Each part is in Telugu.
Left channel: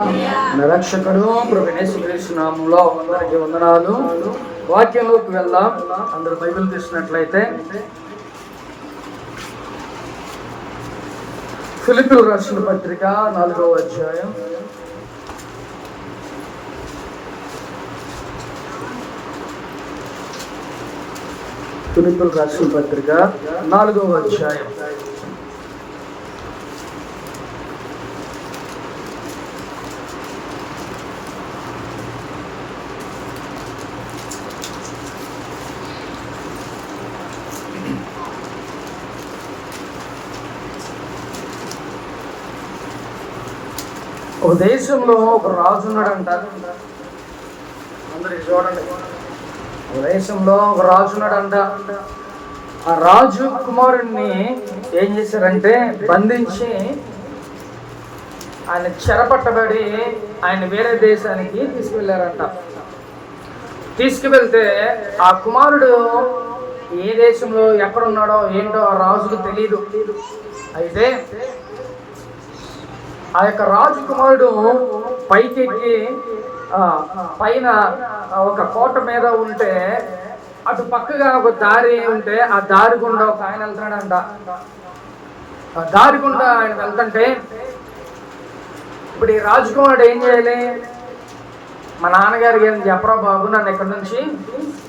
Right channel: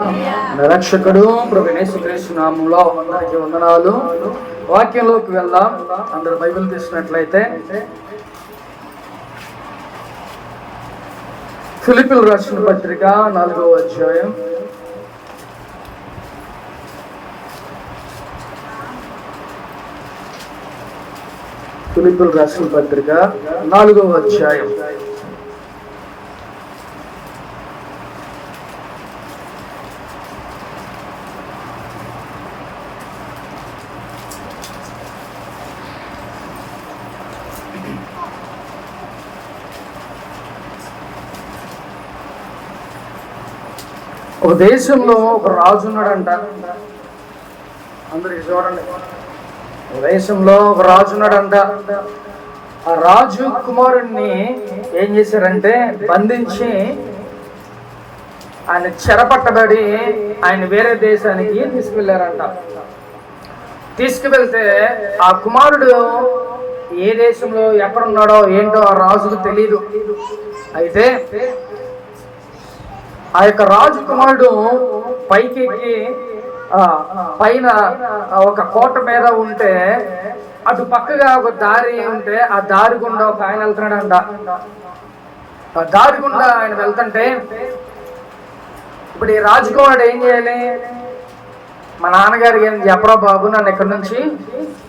నిరక్షకుడు ప్రభువైన యేసుక్రీస్తు నామములో అందరికీ వందనాలు. వాక్యంలోకి వెళ్దాం. అందరు బైబిల్ తీసినట్లయితే ఫిలిప్పీయులకు రాసిన పత్రిక 4వ అధ్యాయం. ఫిలిప్పీయులకు రాసిన పత్రిక 4వ అధ్యాయం. ఒక దేశంలో ఒక రాజు ఉన్నాడంట. అందరికి చూడండి, ఒక దేశంలో ఒక రాజు ఉన్నాడంట. ఆ రాజు కుమారుణ్ణి ఏం చేశారంటే బంధించి ఆయన చెరపట్టబడి ఆయన వేరే దేశానికి తీసుకువెళ్ళారంట. తీసుకువెళ్తే ఆ కుమారుడు ఏ దేశంలో ఎక్కడున్నాడో ఏంటో ఆ రాజుకు తెలియదు. అయితే ఆ యొక్క రాజకుమారుడు పైకెక్కి పైన ఒక కోట మీద ఉంటే అటు పక్కగా ఒక దారి ఉంటే ఆ దారి గుండా ఒక ఆయన వెళ్తున్నాడంట. ఆ దారి గుండా ఆయన వెళ్తుంటే ఇప్పుడు ఈ రాజకుమారుడు ఏం చేయాలి? మా నాన్నగారికి ఏం చెప్పరా బాబు, నన్ను ఇక్కడ నుంచి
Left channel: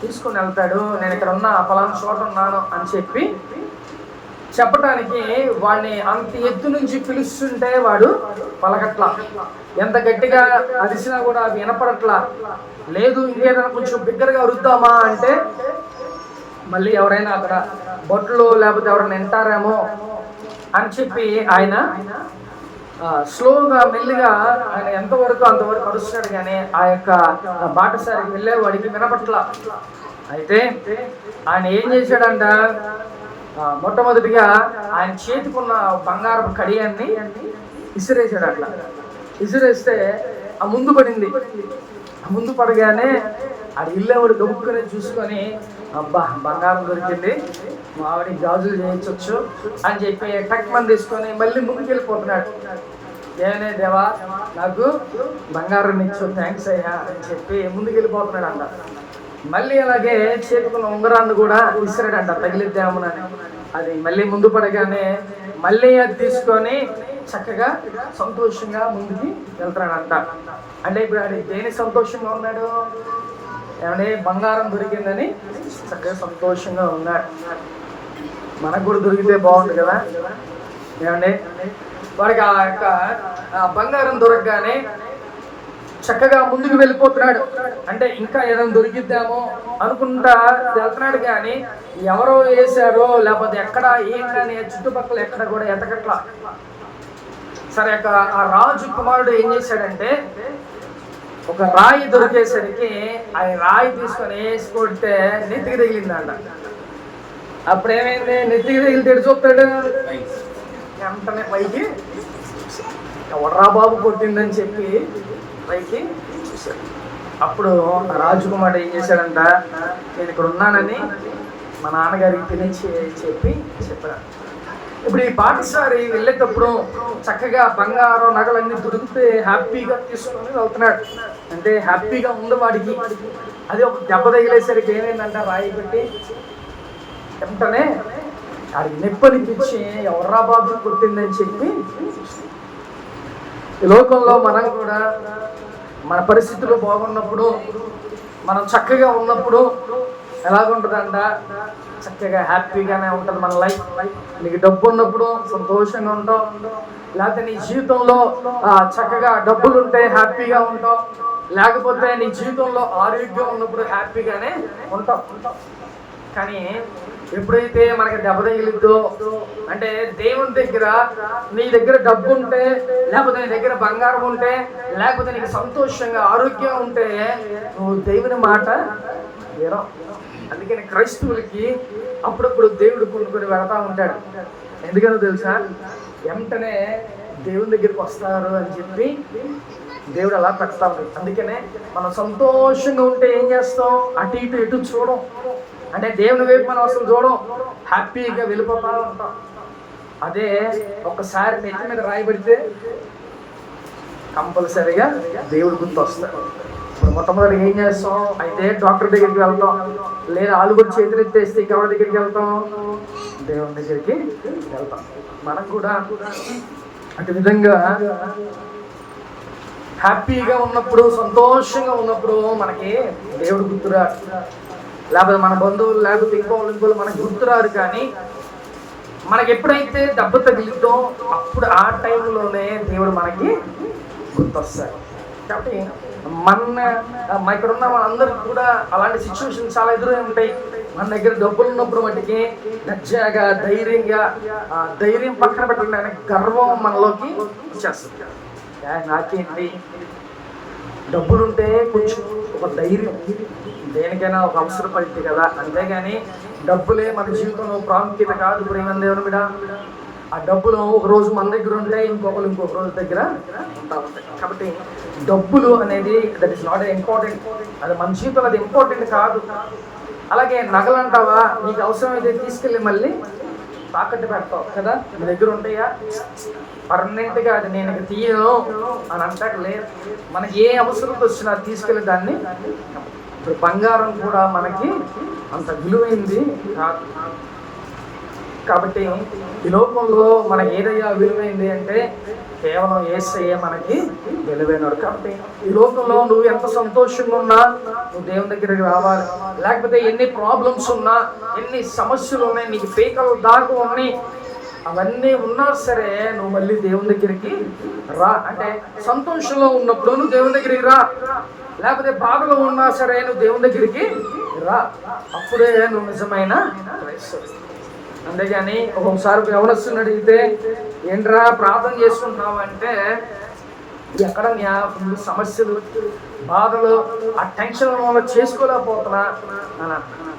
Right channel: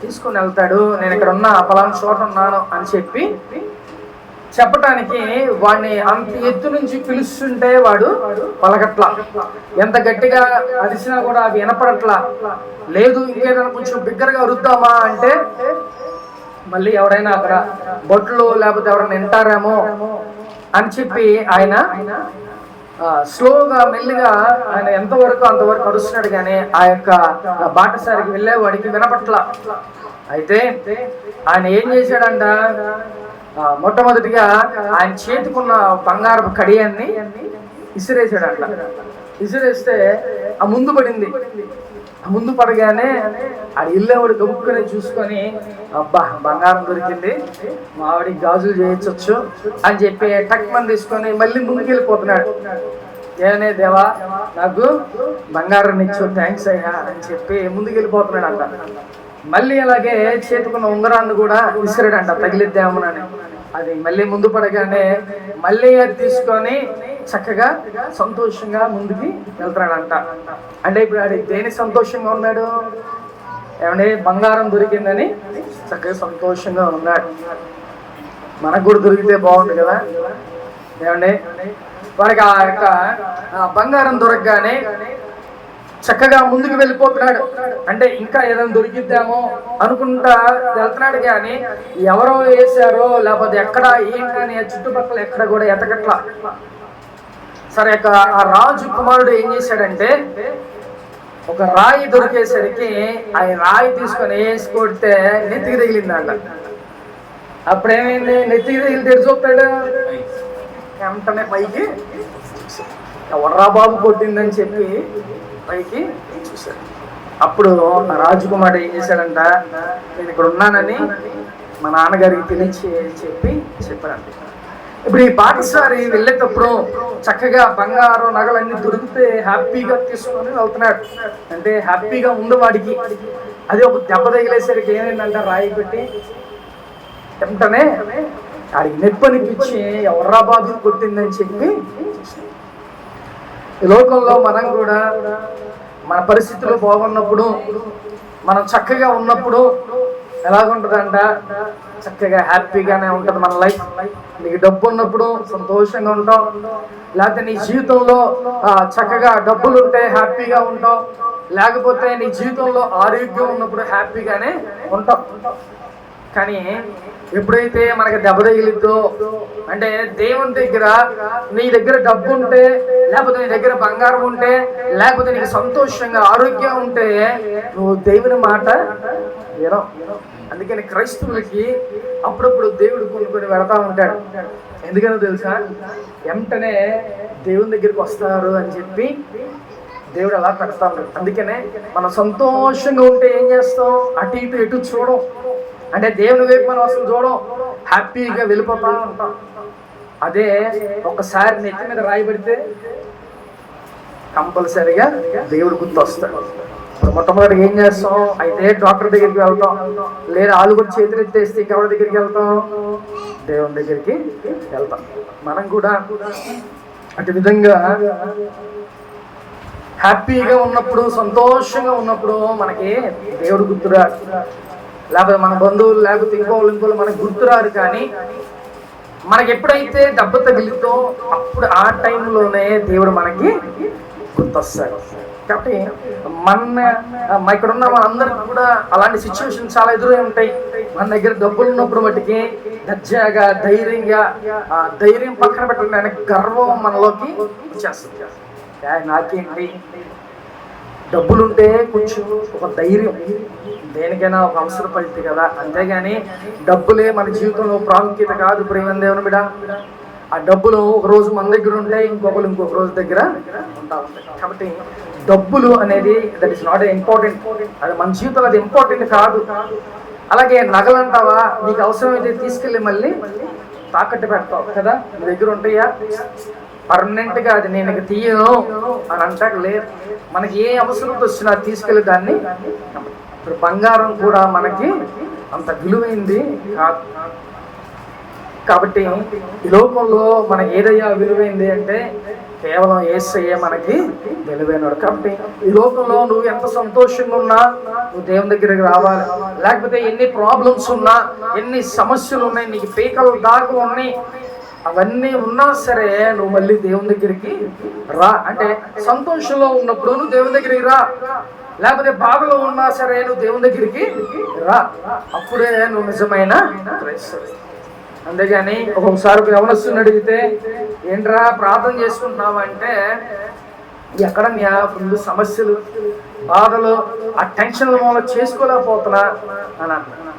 తీసుకుని వెళ్తాడు, నేను ఇక్కడ ఉన్న పలానా చోట ఉన్నాను అని చెప్పి చెప్పటానికి వాడిని అంత ఎత్తు నుంచి పిలుస్తుంటే వాడు పలకట్లా. ఎంత గట్టిగా అరిసినా కూడా అవి వినపడట్లా. లేదు ఇంకేదైనా కొంచెం బిగ్గరగా అరుద్దామా అంటే మళ్ళీ ఎవరైనా అక్కడ బొట్లు లేకపోతే ఎవరైనా వింటారేమో అని చెప్పి ఆయన స్లోగా మెల్లిగా ఆయన ఎంతవరకు అంతవరకు అరుస్తున్నాడు. కానీ ఆ యొక్క బాటసారికి వెళ్ళే వాడికి వినపట్లా. అయితే ఆయన ఏం చేశాడంట, మొట్టమొదటిగా ఆయన చేతికున్న బంగారపు కడియాన్ని ఇసిరేసాడు. అట్లా ఇసిరేస్తే ఆ ముందు పడింది. ఆ ముందు పడగానే ఆ ఇల్లేవాడు గబుక్కునే చూసుకొని, అబ్బా బంగారం దొరికింది, మావిడికి గాజులు చేయించవచ్చు అని చెప్పి టక్మని తీసుకొని మళ్ళీ ముందుకు వెళ్ళిపోతున్నాడు. ఏమనే దేవా, నాకు బంగారం ఇచ్చు, థ్యాంక్స్ అయ్యా అని చెప్పి ముందుకు వెళ్ళిపోతున్నాడు అంట. మళ్ళీ అలాగే చేతుకున్న ఉంగరాన్ని కూడా విసిరాడంట, తగిలిద్దామని. అది మళ్ళీ ముందు పడగానే మళ్ళీ అది తీసుకొని చక్కగా సంతోషంగా ముందుకి వెళ్తాడంట. అంటే ఇప్పుడు ఆడి దేని సంతోషంగా ఉన్నాడు? ఏమంటే బంగారం దొరికిందని చక్కగా సంతోషంగా ఉన్నాడు. మనకు కూడా దొరికితే బాగుంది కదా. ఏమంటే వాడికి ఆ యొక్క బంగారం దొరకగానే చక్కగా ముందుకు వెళ్ళిపోతున్నాడు. అంటే ఇంకా ఏదైనా దొరికిద్దామో అనుకుంటా వెళ్తున్నాడు. కానీ ఎవరో వేసారో లేకపోతే ఎక్కడ ఏంటని చుట్టుపక్కల ఎక్కడ కూడా ఎతకట్లా. సరే, ఆ రాజు కుమారుడు ఏం చేశాడంటే ఒక రాయి దొరికేసరికి ఆ రాయి తీసుకొని వేసి కొడితే నెత్తికి తగిలిందంట. అప్పుడేమైంది? నెత్తికి తగిలి తెడి చూస్తాడు వెంటనే పైకి, ఎవర్రా బాబు కొట్టిందని చెప్పి పైకి చూశాడు. అప్పుడు రాజకుమారుడు ఏం చేశాడంట, నేను ఇక్కడ ఉన్నానని మా నాన్నగారికి తెలిసి చెప్పాడు. ఇప్పుడు ఈ పాఠశాల వెళ్ళేటప్పుడు చక్కగా బంగారం నగలన్నీ దొరికితే హ్యాపీగా తీసుకొని వెళ్తున్నాడు. అంటే హ్యాపీగా ఉంది వాడికి. అది ఒక దెబ్బ తగిలేసరికి ఏమైందంట, రాయి పెట్టి వెంటనే ఆడికి నొప్పి అనిపించి ఎవర్రా బాబు కొట్టిందని చెప్పి. ఈ లోకంలో మనం కూడా మన పరిస్థితులు బాగున్నప్పుడు, మనం చక్కగా ఉన్నప్పుడు ఎలాగుంటుందంట, చక్కగా హ్యాపీగానే ఉంటుంది మన లైఫ్. నీకు డబ్బు ఉన్నప్పుడు సంతోషంగా ఉంటావు, లేకపోతే నీ జీవితంలో చక్కగా డబ్బులు ఉంటే హ్యాపీగా ఉంటావు, లేకపోతే నీ జీవితంలో ఆరోగ్యం ఉన్నప్పుడు హ్యాపీగానే ఉంటావు. కానీ ఎప్పుడైతే మనకి దెబ్బ తగిలిద్దో, అంటే దేవుని దగ్గర నీ దగ్గర డబ్బు ఉంటే, లేకపోతే నీ దగ్గర బంగారం ఉంటే, లేకపోతే నీకు సంతోషంగా ఆరోగ్యం ఉంటే నువ్వు దేవుని మాట వినవు. అందుకని క్రైస్తవులకి అప్పుడప్పుడు దేవుడు కొనుక్కొని వెళతా ఉంటాడు. ఎందుకనో తెలుసా? వెంటనే దేవుని దగ్గరికి వస్తారు అని చెప్పి దేవుడు అలా పెడతా ఉంటాడు. అందుకనే మనం సంతోషంగా ఉంటే ఏం చేస్తాం? అటు ఇటు ఎటు చూడం. అంటే దేవుని వైపు మనం అసలు చూడం, హ్యాపీగా వెళ్ళిపోతా ఉంటాం. అదే ఒకసారి నెత్తి మీద రాయి పెడితే కంపల్సరీగా దేవుడు గుర్తొస్తాడు. మొట్టమొదటి ఏం చేస్తాం? అయితే డాక్టర్ దగ్గరికి వెళ్తాం, లేదా ఆలుగురు చేతులు ఎత్తేస్తే ఎవరి దగ్గరికి వెళ్తాం? దేవుని దగ్గరికి వెళ్తాం. మనం కూడా అటు విధంగా హ్యాపీగా ఉన్నప్పుడు, సంతోషంగా ఉన్నప్పుడు మనకి దేవుడు గుర్తురాడు, లేకపోతే మన బంధువులు, లేకపోతే ఇంకోళ్ళు మనకు గుర్తురారు. కానీ మనకి ఎప్పుడైతే దెబ్బ తగిలితో అప్పుడు ఆ టైంలోనే దేవుడు మనకి గుర్తొస్తాడు. కాబట్టి ఇక్కడ ఉన్న అందరికి కూడా అలాంటి సిచ్యువేషన్ చాలా ఎదురై ఉంటాయి. మన దగ్గర డబ్బులు ఉన్నప్పుడు మటుకి దర్జాగా, ధైర్యంగా, ధైర్యం పక్కన పెట్టడానికి గర్వం మనలోకి వచ్చేస్తుంది. నాకేంటి, డబ్బులుంటే కొంచెం ఒక ధైర్యం, దేనికైనా ఒక అవసరం పడుతుంది కదా. అంతేగాని డబ్బులే మన జీవితంలో ప్రాముఖ్యత కాదు. ప్రేమ దేవుని బిడ్డ, ఆ డబ్బులు ఒక రోజు మన దగ్గర ఉంటాయి, ఇంకొక రోజు దగ్గర ఉంటా ఉంటాయి. కాబట్టి డబ్బులు అనేది దట్ ఈస్ నాట్ ఇంపార్టెంట్, అది మన జీవితంలో అది ఇంపార్టెంట్ కాదు. అలాగే నగలు అంటావా, నీకు అవసరమైతే తీసుకెళ్ళి మళ్ళీ తాకట్టు పెడతావు కదా, నీ దగ్గర ఉంటాయా? పర్మనెంట్గా అది నేను ఇక తీయను అని అంటాక లేదు. మనకి ఏ అవసరం వచ్చినా తీసుకెళ్ళి దాన్ని. ఇప్పుడు బంగారం కూడా మనకి అంత విలువైంది కాదు. కాబట్టి ఈ లోకంలో మనకి ఏదయ్యా విలువైంది అంటే కేవలం యేసయ్యే మనకి విలువైనడు. కాబట్టి ఈ లోకంలో నువ్వు ఎంత సంతోషంగా ఉన్నా నువ్వు దేవుని దగ్గరికి రావాలి. లేకపోతే ఎన్ని ప్రాబ్లమ్స్ ఉన్నా, ఎన్ని సమస్యలు ఉన్నాయి, నీకు పీకలు దాకా ఉన్నాయి, అవన్నీ ఉన్నా సరే నువ్వు మళ్ళీ దేవుని దగ్గరికి రా. అంటే సంతోషంలో ఉన్నప్పుడు నువ్వు దేవుని దగ్గరికి రా, లేకపోతే బాధలో ఉన్నా సరే నువ్వు దేవుని దగ్గరికి రా. అప్పుడే నువ్వు నిజమైన క్రైస్తవుడు. అంతేగాని ఒక్కొక్కసారి ఎవరొస్తుని అడిగితే ఏంట్రా ప్రార్థన చేసుకుంటున్నావు అంటే, ఎక్కడ ఫుల్ సమస్యలు, బాధలు, ఆ టెన్షన్ చేసుకోలేకపోతున్నా అని అంటున్నా.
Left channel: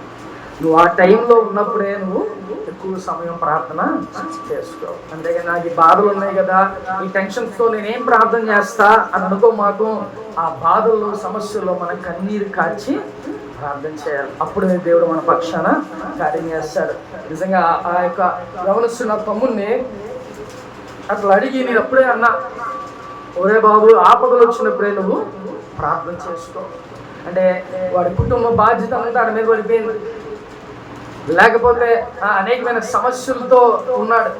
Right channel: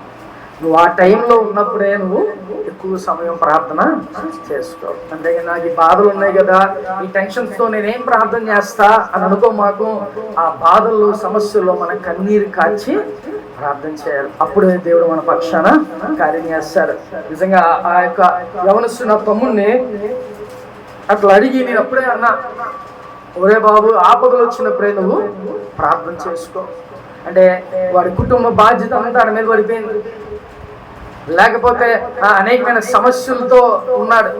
నువ్వు ఆ టైంలో ఉన్నప్పుడే నువ్వు ఎక్కువ సమయం ప్రార్థన చేసుకో. అంతేగాని నాకు ఈ బాధలు ఉన్నాయి కదా, ఈ టెన్షన్స్తో నేనేం ప్రార్థన చేస్తా అని అనుకో. మాకు ఆ బాధల్లో, సమస్యల్లో మనం కన్నీరు కాచి ప్రార్థన చేయాలి. అప్పుడే దేవుడు మన పక్షాన కార్యం చేస్తాడు. నిజంగా ఆ యొక్క యవనస్తున్న తమ్ముడిని అట్లా అడిగి నేను అప్పుడే అన్నా, ఒరే బాబు, ఆపదలు వచ్చినప్పుడే నువ్వు ప్రార్థన చేసుకో. అంటే వాడి కుటుంబ బాధ్యత అంతా వాడి మీద పడిపోయింది, లేకపోతే అనేకమైన సమస్యలతో ఉన్నాడు.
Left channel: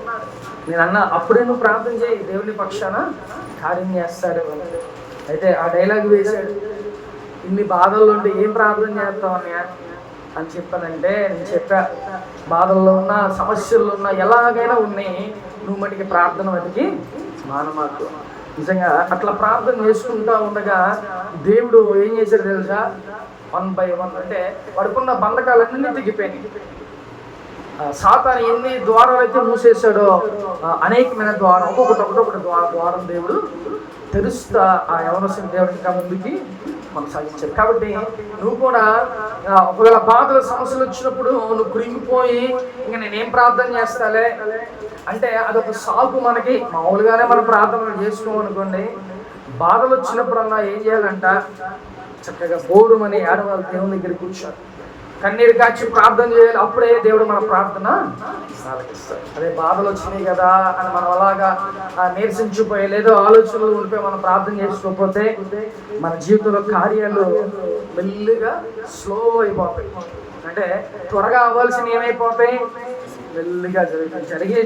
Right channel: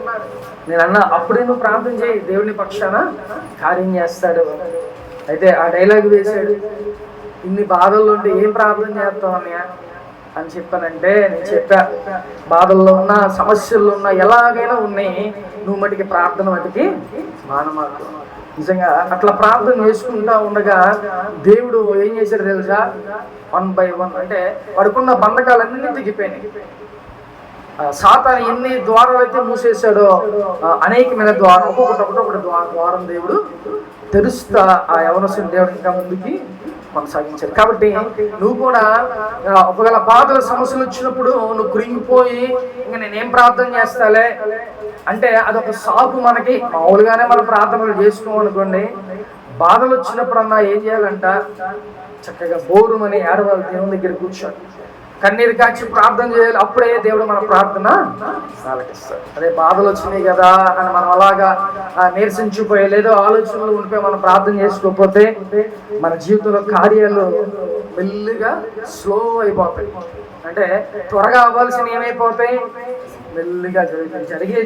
నేను అన్నా, అప్పుడే నువ్వు ప్రార్థన చేయి, దేవుని పక్షాన కార్యం చేస్తాడు. అయితే ఆ డైలాగ్ వేశాడు, ఇన్ని బాధల్లో ఉంటే ఏం ప్రార్థన చేస్తావు అన్నయ్య అని చెప్పానంటే, నేను చెప్పా, బాధల్లో ఉన్నా, సమస్యల్లో ఉన్నా, ఎలాగైనా ఉన్నాయి, నువ్వు మటుకి ప్రార్థన మటుకి మానమాకు. నిజంగా అట్లా ప్రార్థన చేసుకుంటా ఉండగా దేవుడు ఏం చేశాడు తెలుసా? 1 by 1 అంటే వాడుకున్న బంధకాలన్నీ తెగిపోయినాయి. సాతాను ఎన్ని ద్వారాలు అయితే మూసేశాడో అనేకమైన ద్వారం, ఒక్కొక్కటి ద్వారం దేవుడు తెరుస్తా ఆ యవనస్తుని దేవుడు ఇంకా ముందుకి కొనసాగించాడు. కాబట్టి నువ్వు కూడా ఒకవేళ బాధల సమస్యలు వచ్చినప్పుడు నువ్వు కృంగిపోయి ఇంకా నేనేం ప్రార్థన చేస్తాలే అంటే అదొక సాకు. మనకి మామూలుగానే మనం ప్రార్థనలు చేసుకోమనుకోండి, బాధలు వచ్చినప్పుడన్నా ఏం చేయాలంట, చక్కగా బోరుమని ఏడవాలి, దేవుని దగ్గర కూర్చోండి, కన్నీరు కాచి ప్రార్థన చేయాలి. అప్పుడే దేవుడు మన ప్రార్థన ఆలకిస్తాడు. అదే బాధలు వచ్చినాయి కదా అని మనం అలాగా నీరసించిపోయి లేదో ఆలోచనలు ఉండిపోయి మనం ప్రార్థన చేసుకోకపోతే మన జీవితంలో కార్యాలు మెల్లిగా స్లో అయిపోతాయి. అంటే త్వరగా అవ్వాల్సిన ఏమైపోతాయి, మెల్లిగా జరుగుతాయి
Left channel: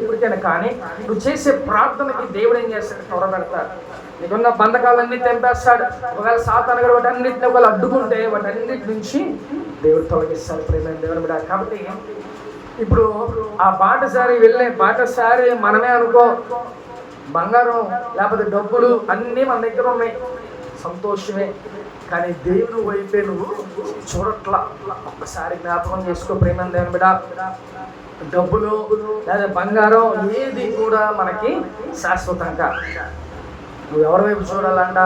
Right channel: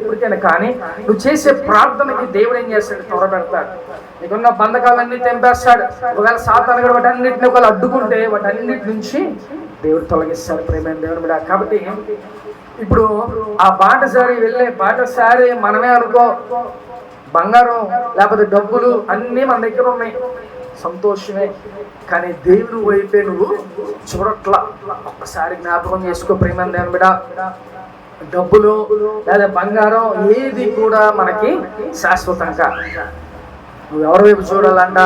ఎప్పటికైనా. కానీ నువ్వు చేసే ప్రార్థనకి దేవుడు ఏం చేస్తాడు, త్వర పెడతాడు. నీకున్న బంధకాలన్నీ తెంపేస్తాడు. ఒకవేళ సాతాను కూడా వాటన్నిటిని ఒకవేళ అడ్డుకుంటే వాటన్నిటి నుంచి దేవుడు తొలగిస్తాడు. ప్రేమైన దేవుడు కూడా. కాబట్టి ఇప్పుడు ఆ బాటసారి మనమే అనుకో, బంగారం లేకపోతే డబ్బులు అన్నీ మన దగ్గర ఉన్నాయి, సంతోషమే. కానీ దేవుని వైపే నువ్వు చూడట్లా. ఒక్కసారి జ్ఞాపకం చేసుకో ప్రేమైన దేవుడు కూడా. డబ్బులు లేదా బంగారం ఏది కూడా మనకి శాశ్వతంగా. నువ్వు ఎవరి వైపు చూడాలంట?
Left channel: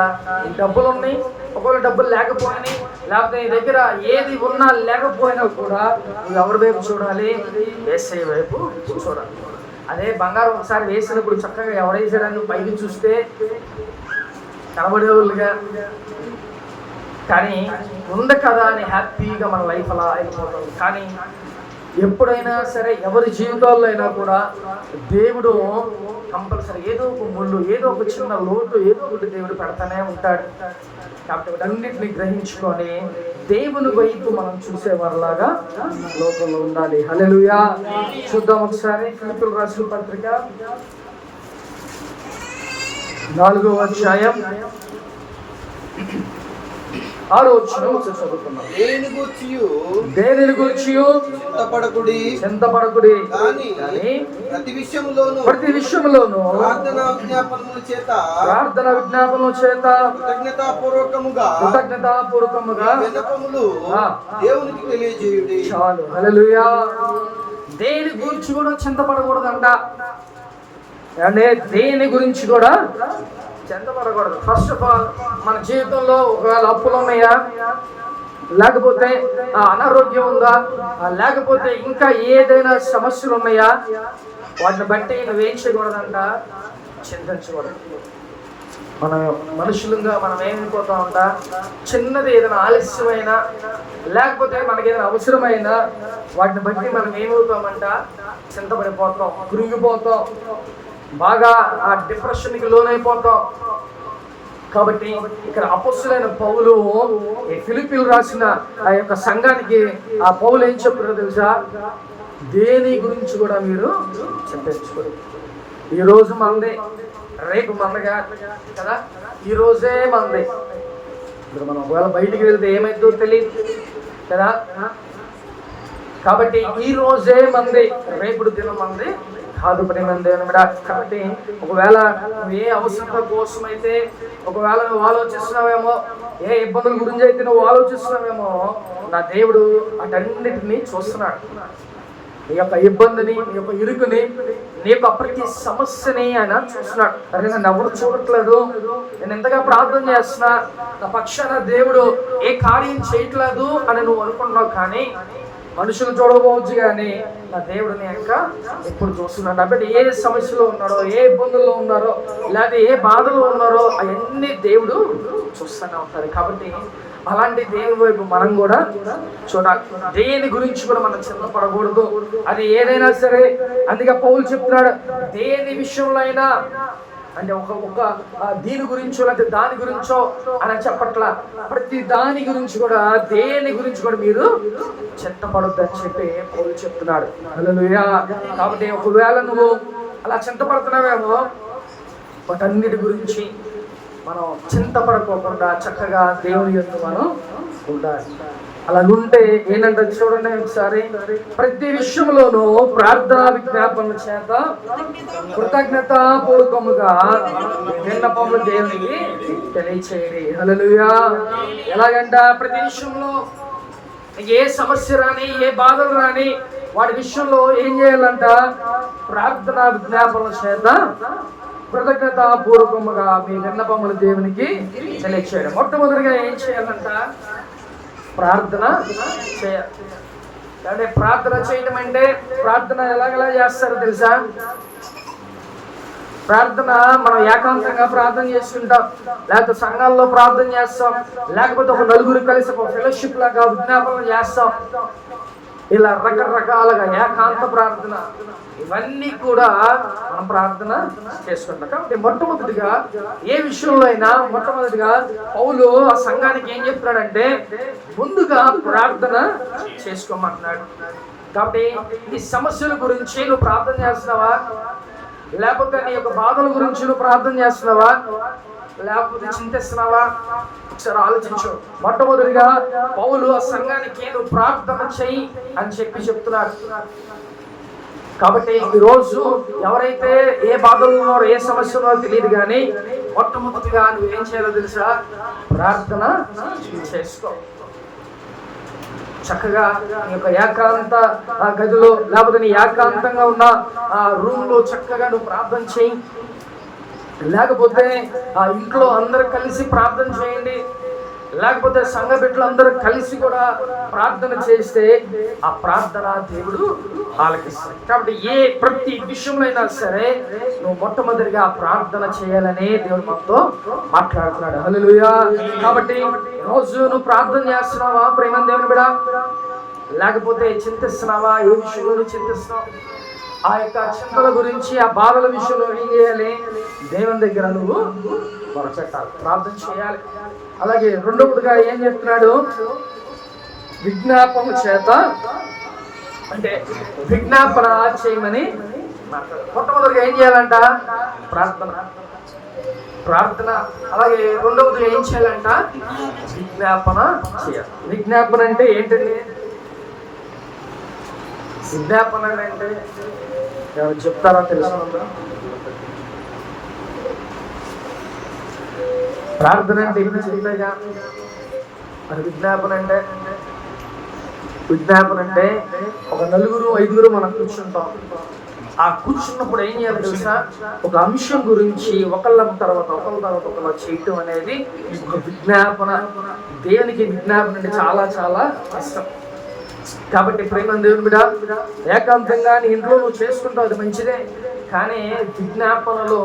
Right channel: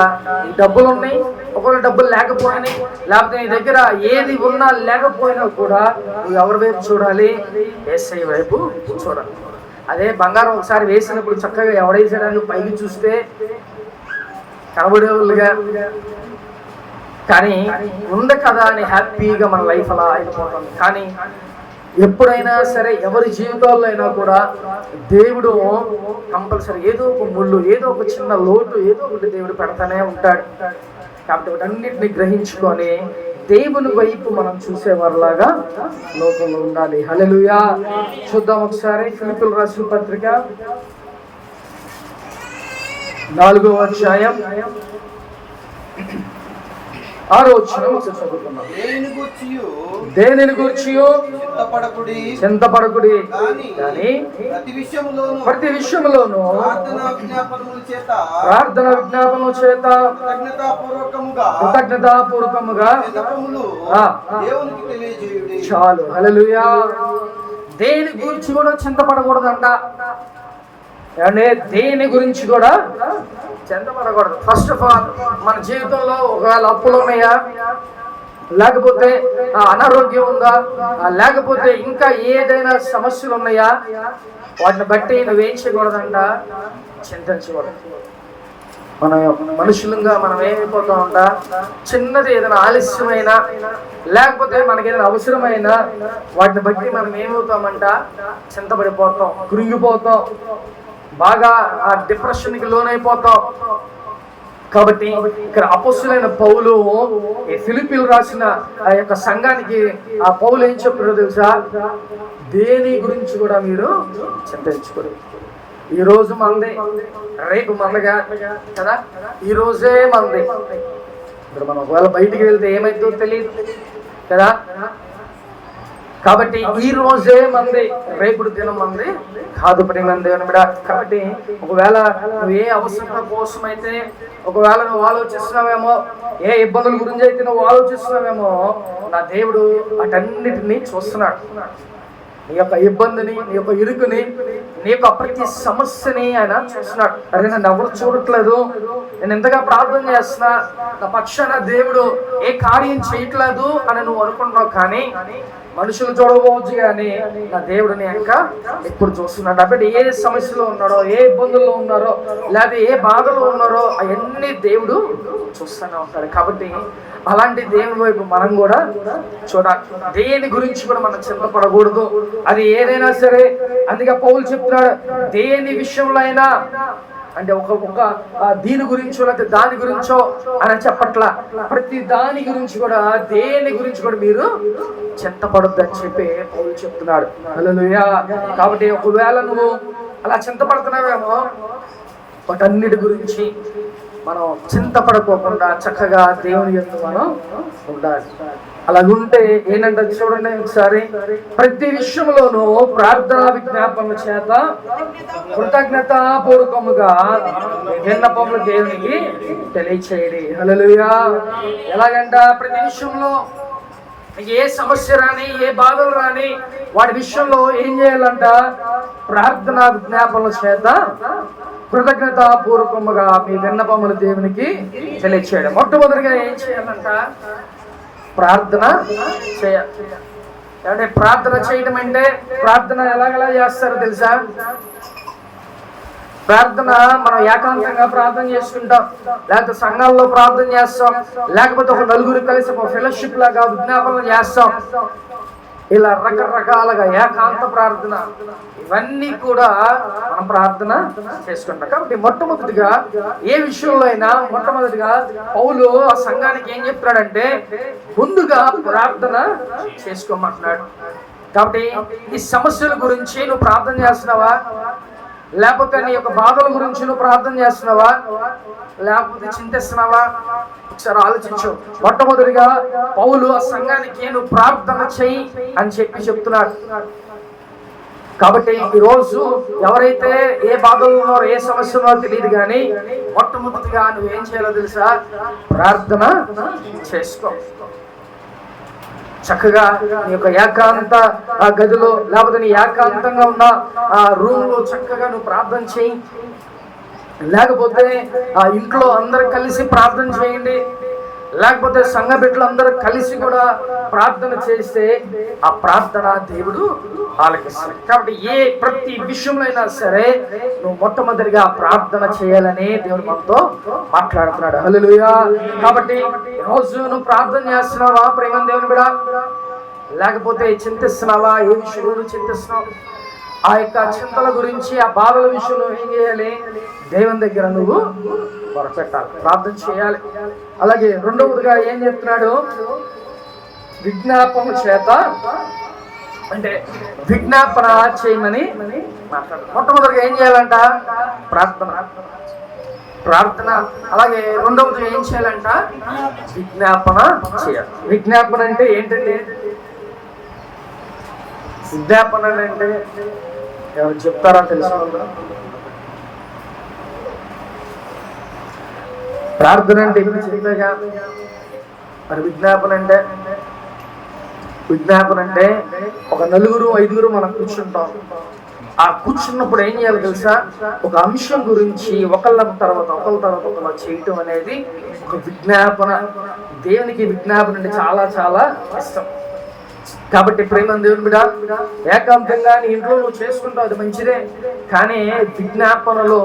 ఈ డబ్బులు ఉన్నాయి, ఒకవేళ డబ్బులు లేకపోయినాయి, లేకపోతే నీ దగ్గర ఏది ఉన్నా లేకపోయినా కూడా నువ్వు ఎవరి వైపు చూడాలి? యేసయ్య వైపు చూడాలి. అదే బంగారం ఒకసారి వేసినప్పుడు చక్కగా ఎవడేసాడని పైకి చూస్తే కనబడేవాళ్ళుగా, కానీ ఉంది కదా అని హ్యాపీగా మన లైఫ్ అలా అయిపోతాం. కానీ ఎప్పుడైనా సరే ఎవరి జీవితాల్లో అయినా కూడా దేవుడు కంపల్సరీ ఏదో ఒక ముళ్ళు, ఏదో ఒక చిన్న లోటు, ఏదో ఒకటి దేవుడు పెడతానే ఉంటాడు. కాబట్టి వాటన్నిటిని గ్రహించుకొని దేవుని వైపు మనం చూసేవారిలాగా లోకంలో ఉండాలి. హల్లెలూయా. చూద్దాం ఒకసారి ఫిలిప్పీయులకు రాసిన పత్రిక 4వ అధ్యాయం 6వ వచనం చదువుకుందాం. దేనిని గూర్చి చింతపడకుడి కానీ ప్రతి విషయములోను ప్రార్థన విజ్ఞాపనముల చేత కృతజ్ఞతాపూర్వకముగా దేవునికి తెలియజేయుడి. చాలు. హల్లెలూయా. దేని గురించి కూడా చింతపడకూడదంట. అంటే దేని గురించి కూడా చింతపడకూడదు. ఫస్ట్ ఆఫ్ ఆల్ మన జీవితంలో ఒకవేళ అప్పులు ఉన్నాయా, లేకపోతే అనారోగ్యం ఉందా, లేకపోతే ఇంకా ఏదైనా సమస్యలు ఉన్నాయా, వాటిని బట్టి నువ్వేం చేయకూడదంట, చింతించకూడదు. మన మనుషులుగా మనం ఏమైపోతామంట, చిన్నది ఏదైనా ఆలస్యమైనా లేకపోతే మనకి ఏదైనా అవసరమైనా వాటిని బట్టి మనం ఏమవుతామంట, చింతపడిపోతాం, కృంగిపోతాం, బాగా డిప్రెషన్కి లోనైపోతాం. కాబట్టి ఇక్కడ అపొస్తలుడైన పౌలు ఈ ఫిలిప్పీలు రాసిన ఆ యొక్క సంఘానికి ఆ పౌలు ఏం చెప్తున్నారో తెలుసా? దేని గురించి కూడా మీరు చింతించుకోరు. ఈ రోజు మంది, రేపు మందగా కదా, ఈ రోజే మంది. ఇప్పుడు మనం ఒకవేళ బయటికి వెళ్తే ఏమైందో తెలియదు కదా. కాబట్టి ఈ రోజే మంది, రేపుడు దినం మంది కాదు మంది అని కూడా. కాబట్టి ఒకవేళ నువ్వు ఏ అవసరత కోసం అయితే ఒకవేళ నువ్వు ఆలోచిస్తున్నావేమో, ఏ ఇబ్బందుల గురించి అయితే నువ్వు ఆలోచిస్తున్నావేమో, నా దేవుడు అటన్నిటిని చూస్తున్నాడు. నీ యొక్క ఇబ్బందిని, నీ యొక్క ఇరుకుని, నీ యొక్క ప్రతి సమస్యని ఆయన చూస్తున్నాడు. అరే నన్ను ఎవరు చూడట్లేదు, నేను ఎంతగా ప్రార్థన చేస్తున్నా, నా పక్షాన దేవుడు ఏ కార్యం చేయట్లేదు అని నువ్వు అనుకుంటున్నావు. కానీ మనుషులు చూడకపోవచ్చు, కానీ నా దేవుడిని ఇంకా ఎప్పుడు చూస్తున్నాడు. కాబట్టి ఏ సమస్యలో ఉన్నారో, ఏ ఇబ్బందుల్లో ఉన్నారో, లేదా ఏ బాధలో ఉన్నారో అవన్నీ దేవుడు చూస్తూనే ఉంటాడు. కాబట్టి అలాంటి దేవుని వైపు మనం కూడా చూడాలి. దేని గురించి కూడా మనం చింతపడకూడదు. అది ఏదైనా సరే. అందుకే పౌలు చెప్తున్నాడు, దేని విషయంలో అయినా, అంటే ఒక దీని గురించో లేకపోతే దాని గురించో అని చెప్పట్లా, ప్రతి దాని గురించి కూడా, దేని గురించి కూడా మీరు చింతపడొద్దు అని చెప్పి పౌలు చెప్తున్నాడు. హల్లెలూయా. కాబట్టి ఒకవేళ నువ్వు అలా చింతపడుతున్నావేమో, వాటన్నిటి గురించి మనం చింతపడుకోకుండా చక్కగా దేవుని యొక్క మనం ఉండాలి. అలాగుంటే ఏంటంటే చూడండి ఒకసారి, ప్రతి విషయంలోనూ ప్రార్థన విజ్ఞాపనల చేత కృతజ్ఞతాపూర్వకముగా విన్నపములు దేవునికి తెలియచేయండి. హల్లెలూయా. ఎలాగంట, ప్రతి విషయంలో ఏ సమస్య రాని, ఏ బాధలు రాని, వాటి విషయంలో ఏం చేయాలంట, ప్రార్థనా విజ్ఞాపనల చేత కృతజ్ఞతాపూర్వకముగా మీ విన్నపములు దేవునికి తెలియచేయడం. మొట్టమొదటిగా ఏం చేయాలంట, ప్రార్థన చేయాలి. అంటే ప్రార్థన చేయడం అంటే, ప్రార్థన ఎలాగలా చేస్తారో తెలుసా? ప్రార్థన మనం ఏకాంతంగా ప్రార్థన చేసుకుంటాం, లేకపోతే సంఘాల్లో ప్రార్థన చేస్తాం, లేకపోతే ఒక నలుగురు కలిసి ఒక ఫెలోషిప్ లాగా విజ్ఞాపన చేస్తాం. ఇలా రకరకాలుగా ఏకాంత ప్రార్థన, ఇవన్నీ కూడా మనం ప్రార్థన చేసుకుంటాం. కాబట్టి మొట్టమొదటిగా ఏ విషయంలో అయినా మొట్టమొదటిగా పౌలు ఆ సంఘానికి ఏం చెప్తున్నాడంటే, ముందుగా ప్రార్థన చేసుకోమంటున్నాడు. కాబట్టి ఈ సమస్యల గురించి నువ్వు ప్రార్థన చేస్తున్నావా, లేకపోతే నీ యొక్క బాధల గురించి నువ్వు ప్రార్థన చేస్తున్నావా, లేకపోతే చింతిస్తున్నావా? ఒకసారి ఆలోచించు. మొట్టమొదటిగా పౌలు ఆ సంఘానికి నువ్వు ప్రార్థన చెయ్యి అని చెప్పి చెప్తున్నాడు. కాబట్టి ఈరోజు ఎవరైతే ఏ బాధలు ఉన్నారో, ఏ సమస్య ఉన్నారో తెలియదు, కానీ మొట్టమొదటిగా నువ్వేం చేయాలో తెలుసా? ప్రార్థన చేసుకో. చక్కగా నీ యొక్క ఏకాంత ఆ గదిలో, లేకపోతే నీ ఏకాంతంగా ఉన్న ఆ రూమ్ లో చక్కగా నువ్వు ప్రార్థన చేయి. లేకపోతే ఆ ఇంట్లో అందరు కలిసి ప్రార్థన చేయండి, లేకపోతే సంఘ బిడ్డలు అందరూ కలిసి కూడా ప్రార్థన చేస్తే ఆ ప్రార్థన దేవుడు ఆలకిస్తాడు. కాబట్టి ప్రతి విషయంలో అయినా సరే నువ్వు మొట్టమొదటిగా ప్రార్థన చేయాలని దేవుడు మనతో మాట్లాడుతున్నాడు. హల్లెలూయా. కాబట్టి రోజు నువ్వు ప్రార్థన చేస్తున్నావా ప్రేమ దేవుని బిడ్డ? లేకపోతే చింతిస్తున్నావా? ఏ విషయంలో చింతిస్తున్నావు? ఆ యొక్క చింతల గురించి, ఆ బాధల విషయంలో ఏం చేయాలి? దేవుని దగ్గర నువ్వు మొరపెట్టాలి, ప్రార్థన చేయాలి. అలాగే రెండవదిగా ఏం చెప్తున్నాడు? విజ్ఞాపన చేత, అంటే విజ్ఞాపన చేయమని మాట్లాడు. మొట్టమొదటిగా ఏం చేయాలంట? ప్రార్థన. అలాగే రెండవది ఏం చేయాలంట? విజ్ఞాపన చేయాలి. విజ్ఞాపన అంటే ఏంటండి? విజ్ఞాపన అంటే ఎవరు చెప్తారా? తెలుసుకుంటారా? ప్రార్థన అంటే ఇప్పుడు చెప్తాగా, మరి విజ్ఞాపన అంటే ఒక 4-5 మనం కూర్చుంటాం. ఆ కూర్చున్నప్పుడు ఏం చేయాలి తెలుసా? ఒక అంశం గురించి ఒకళ్ళ తర్వాత ఒకళ్ళు చేయటం అనేది విజ్ఞాపన. దేవునికి విజ్ఞాపన అంటే చాలా చాలా ఇష్టం. కాబట్టి ప్రేమ దేవుని బిడ్డ, ఏకాంతంగా నీ ఇంట్లో నువ్వు చేసుకుంటావు, అది మంచిదే. కానీ విజ్ఞాపనలో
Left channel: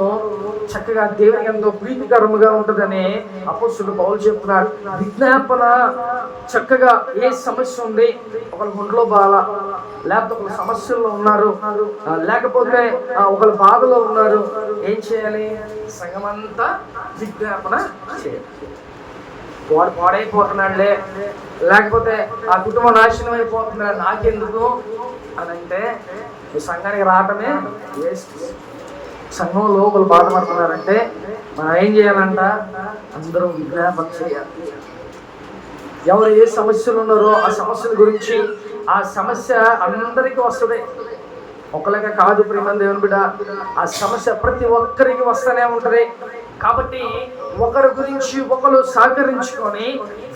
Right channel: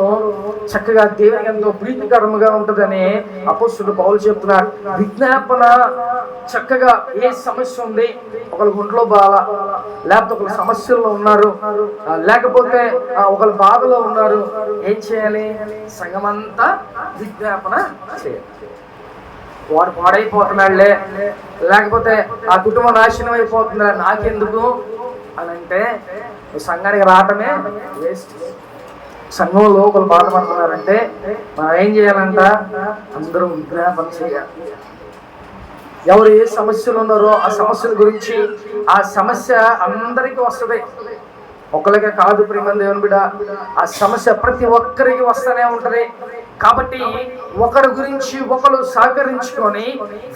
చక్కగా దేవునికి ఎంతో ప్రీతికరముగా ఉంటుందని అపోస్తలుడు పౌలు చెప్తున్నాడు. విజ్ఞాపన చక్కగా ఏ సమస్య ఉంది, ఒకళ్ళ ఒంట్లో బాధ, లేకపోతే ఒకళ్ళ సమస్యల్లో ఉన్నారు, లేకపోతే ఒకళ్ళ బాధలో ఉన్నారు, ఏం చేయాలి? సంఘమంతా విజ్ఞాపన చేయాలి. వాడు పాడైపోతున్నాడులే, లేకపోతే ఆ కుటుంబం నాశనం అయిపోతుందా, నాకెందుకు అని అంటే సంఘానికి రావటమే వేస్ట్. సంఘంలో ఒకరు బాధపడుతున్నారంటే మనం ఏం చేయాలంట? అందరూ విజ్ఞాపన చేయాలి. ఎవరు ఏ సమస్యలు ఉన్నారో ఆ సమస్యల గురించి, ఆ సమస్య అందరికీ వస్తుంది, ఒకరికే కాదు ప్రియమైన దేవుని బిడ్డ. ఆ సమస్య ప్రతి ఒక్కరికి వస్తూనే ఉంటది. కాబట్టి ఒకరి గురించి ఒకరు సహకరించుకొని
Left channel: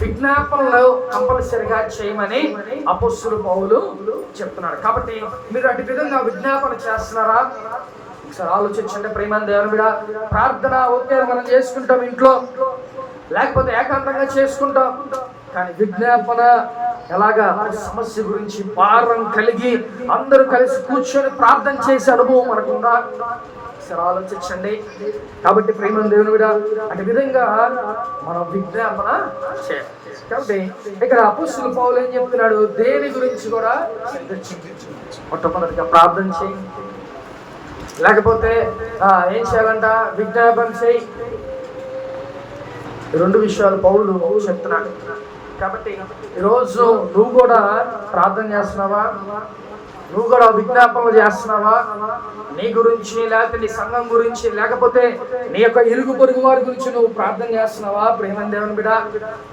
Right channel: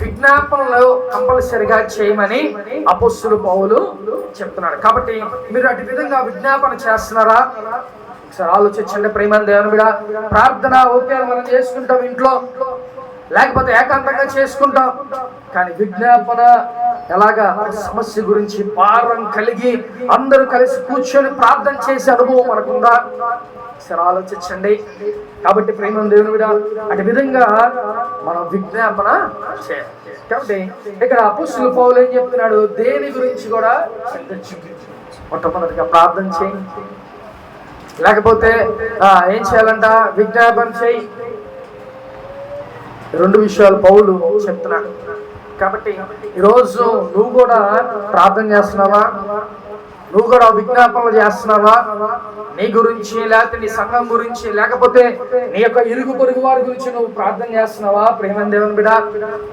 విజ్ఞాపనలు కంపల్సరిగా చేయమని అపోస్తలుడు పౌలు చెప్తున్నాడు. కాబట్టి మీరు అటు విధంగా విజ్ఞాపన చేస్తున్నారా? ఒకసారి ఆలోచించండి ప్రియమైన దేవుని బిడ్డ. ప్రార్థన ఓకే మనం చేసుకుంటాం ఇంట్లో, లేకపోతే ఏకాంతంగా చేసుకుంటాం. కానీ విజ్ఞాపన ఎలాగా? సమస్య గురించి భారం కలిగి అందరూ కలిసి కూర్చొని ప్రార్థన చేసే అనుభవం మనకుందా? ఒకసారి ఆలోచించండి. కాబట్టి ప్రేమ దేవుని మీద అటు విధంగా మనం విజ్ఞాపన చేయాలి. కాబట్టి ఇక్కడ అపోస్తలుడు పౌలు ఏం చెప్తున్నాడు? దేని గురించి కూడా మొట్టమొదటిగా ప్రార్థన చేయి, లేకపోతే ఏం చేయాలంట? విజ్ఞాపన చేయి. 2 విషయాలు పౌలు చెప్తున్నాడు. కాబట్టి ఈరోజు నువ్వు కూడా ప్రార్థన చేస్తున్నావా? నువ్వు కూడా విజ్ఞాపనలు చేస్తున్నావా? నీ గురించి, లేకపోతే నీ సంఘం గురించి, లేకపోతే నీ యొక్క ఇరుగు పొరుగు వారి గురించి నువ్వు ప్రార్థన చేస్తున్నావా? ప్రేమ దేవుని బిడ్డ,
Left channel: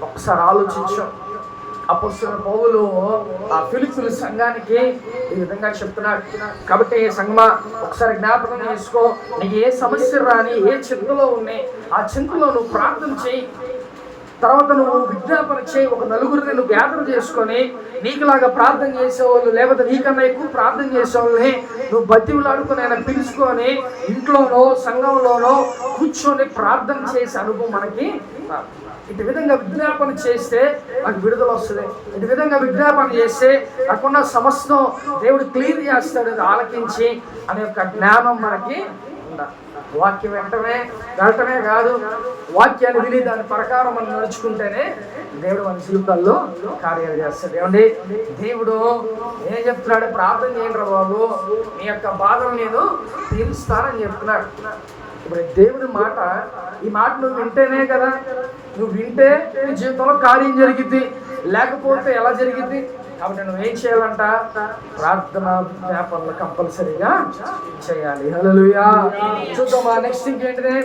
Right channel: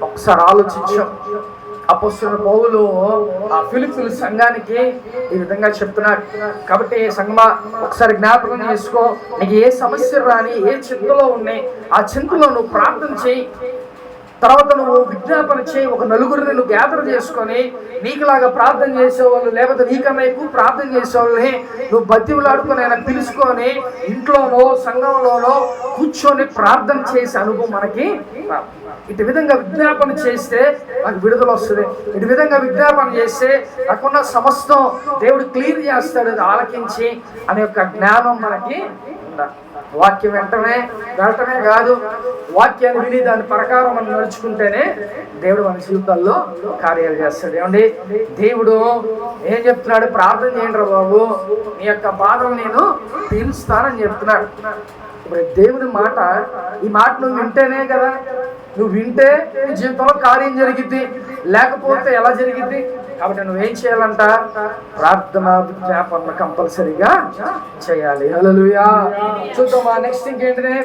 ఒకసారి ఆలోచించాం. అపోస్తలుడు పౌలు ఫిలిప్పీ సంఘానికి ఈ విధంగా చెప్తున్నాడు. కాబట్టి సంఘమా ఒకసారి జ్ఞాపకం చేసుకో. నీకు ఏ సమస్యలు రాని, ఏ చింతలో ఉన్నాయి, ఆ చింతలో నువ్వు ప్రార్థన చేయి. తర్వాత నువ్వు విజ్ఞాపన చేయి. ఒక 4గురిని నువ్వు గ్యాదర్ చేసుకొని నీకులాగా ప్రార్థన చేసేవాళ్ళు, లేకపోతే నీకన్నా ఎక్కువ ప్రార్థన చేసేవాళ్ళని నువ్వు బతివులాడుకొని ఆయన పిలుచుకొని ఇంట్లోనో సంఘంలోనో కూర్చొని ప్రార్థన చేసే అనుభవం మనకి. ఇటు విధంగా విజ్ఞాపన చేస్తే నాకు విడుదల వస్తుంది. ఇటు విధంగా విజ్ఞాపన చేస్తే నాకున్న సమస్తం దేవుడు క్లియర్ చేస్తాడు, అది ఆలకించి అనే యొక్క జ్ఞానం మనకి ఉండాలి. వాక్యం వెళ్ళటమే కాదు, వాక్యాన్ని విని దాని ప్రకారం మనం నడుచుకుంటేనే దేవుడు మన జీవితాల్లో కార్యాలు చేస్తాడు. ఏమండి, దేవుడు ఏం చెప్తున్నాడు? ప్రార్థన చేయండి రా బాబు, నీ యొక్క బాధలు నేను తీరుస్తానని చెప్తున్నాడు. ఇప్పుడు దేవుని మాట, ఈ మాట నువ్వు వింటేనే కదా, నువ్వు వింటే నీ జీవితంలో కార్యం జరిగిద్ది, లేకపోతే ఎలా జరిగిద్ది? కాబట్టి నువ్వేం చేయాలంట? ప్రార్థన విజ్ఞాపన కంపల్సరీగా చేయాలి. హల్లెలూయా. చూద్దామా నెక్స్ట్ ఇంకేంటిది?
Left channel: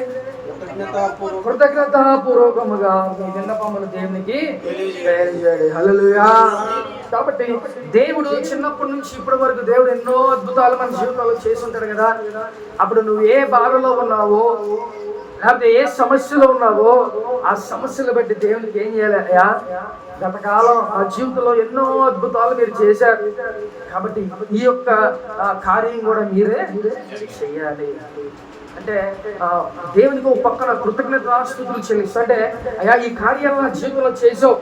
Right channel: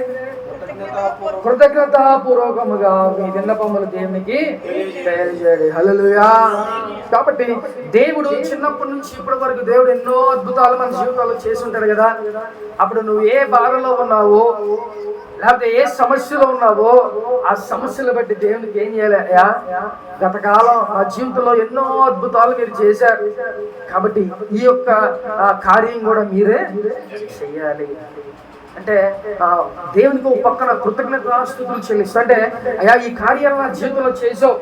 కృతజ్ఞతాపూర్వకముగా మీ విన్నపములు దేవునికి తెలియజేయండి. హల్లెలూయా. కాబట్టి దేవుడు చిన్నప్పటి నుంచి ఇప్పటి వరకు దేవుడు ఎన్నో అద్భుతాలు మన జీవితాల్లో చేసి ఉంటాడు కదా. అప్పుడు నువ్వు ఏ బాధలో ఉన్నావో, లేకపోతే ఏ సమస్యలో ఉన్నావో, ఆ సమస్యలు బట్టి దేవునికి ఏం చేయాలయ్యా? గతకాలం ఆ జీవితంలో ఎన్నో అద్భుతాలు మీరు చేశారు, కాబట్టి ఈ యొక్క కార్యం కూడా మీరే చెయ్యాలి. అంటే దేవునికి ఒక పక్కన కృతజ్ఞతాస్తుతులు చెల్లిస్తా. అంటే అయ్యా, ఈ కార్యాలు నా జీవితంలో చేసావు,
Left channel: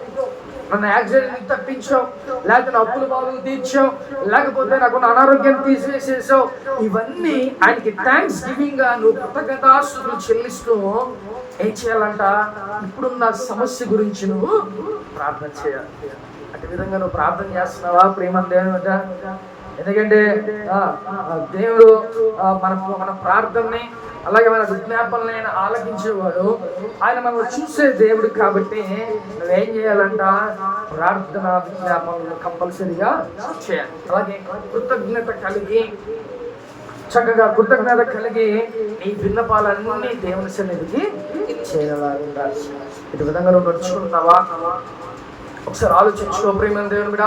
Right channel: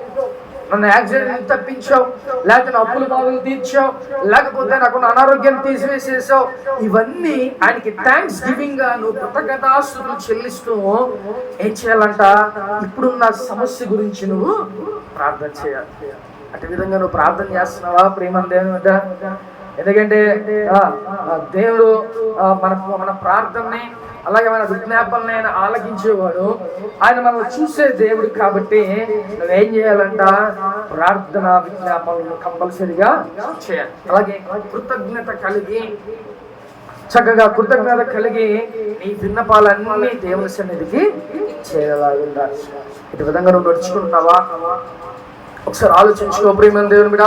నన్ను యాక్సిడెంట్ తప్పించావు, లేకపోతే నా అప్పుల బాధలు తీర్చావు, లేకపోతే నాకున్న అనారోగ్యాన్ని తీసివేసేసావు. ఇవన్నీ ఆయనకి థ్యాంక్స్ గివింగ్ గా నువ్వు కృతజ్ఞతాస్తుతులు చెల్లిస్తూ ఏం చేయాలంట? ఇప్పుడున్న సమస్య గురించి నువ్వు ప్రార్థన చేయాలి. అటు విధంగా నువ్వు ప్రార్థన చేస్తున్నావా ప్రేమ దేవుని మీద? ఎందుకంటే దేవుడు మన ప్రార్థనని అలాగే మన విజ్ఞాపనని ఆయన ఆలకించేవాడు. ఆయన మనల్ని చూసే దేవుడు కాబట్టి నువ్వేం చేయాలంట? ప్రార్థన విజ్ఞాపనలు కంపల్సరిగా చేయాలి. అలాగే కృతజ్ఞత కలిగి చక్కగా కృతజ్ఞత కలిగి నీ విన్నపాలన్నీ దేవుని సన్నిధికి చేయాలి. ఇటు విధంగా నువ్వు నడుచుకుంటున్నావా? ఒకసారి ఆలోచించుకో ప్రియమైన దేవుని బిడ్డ.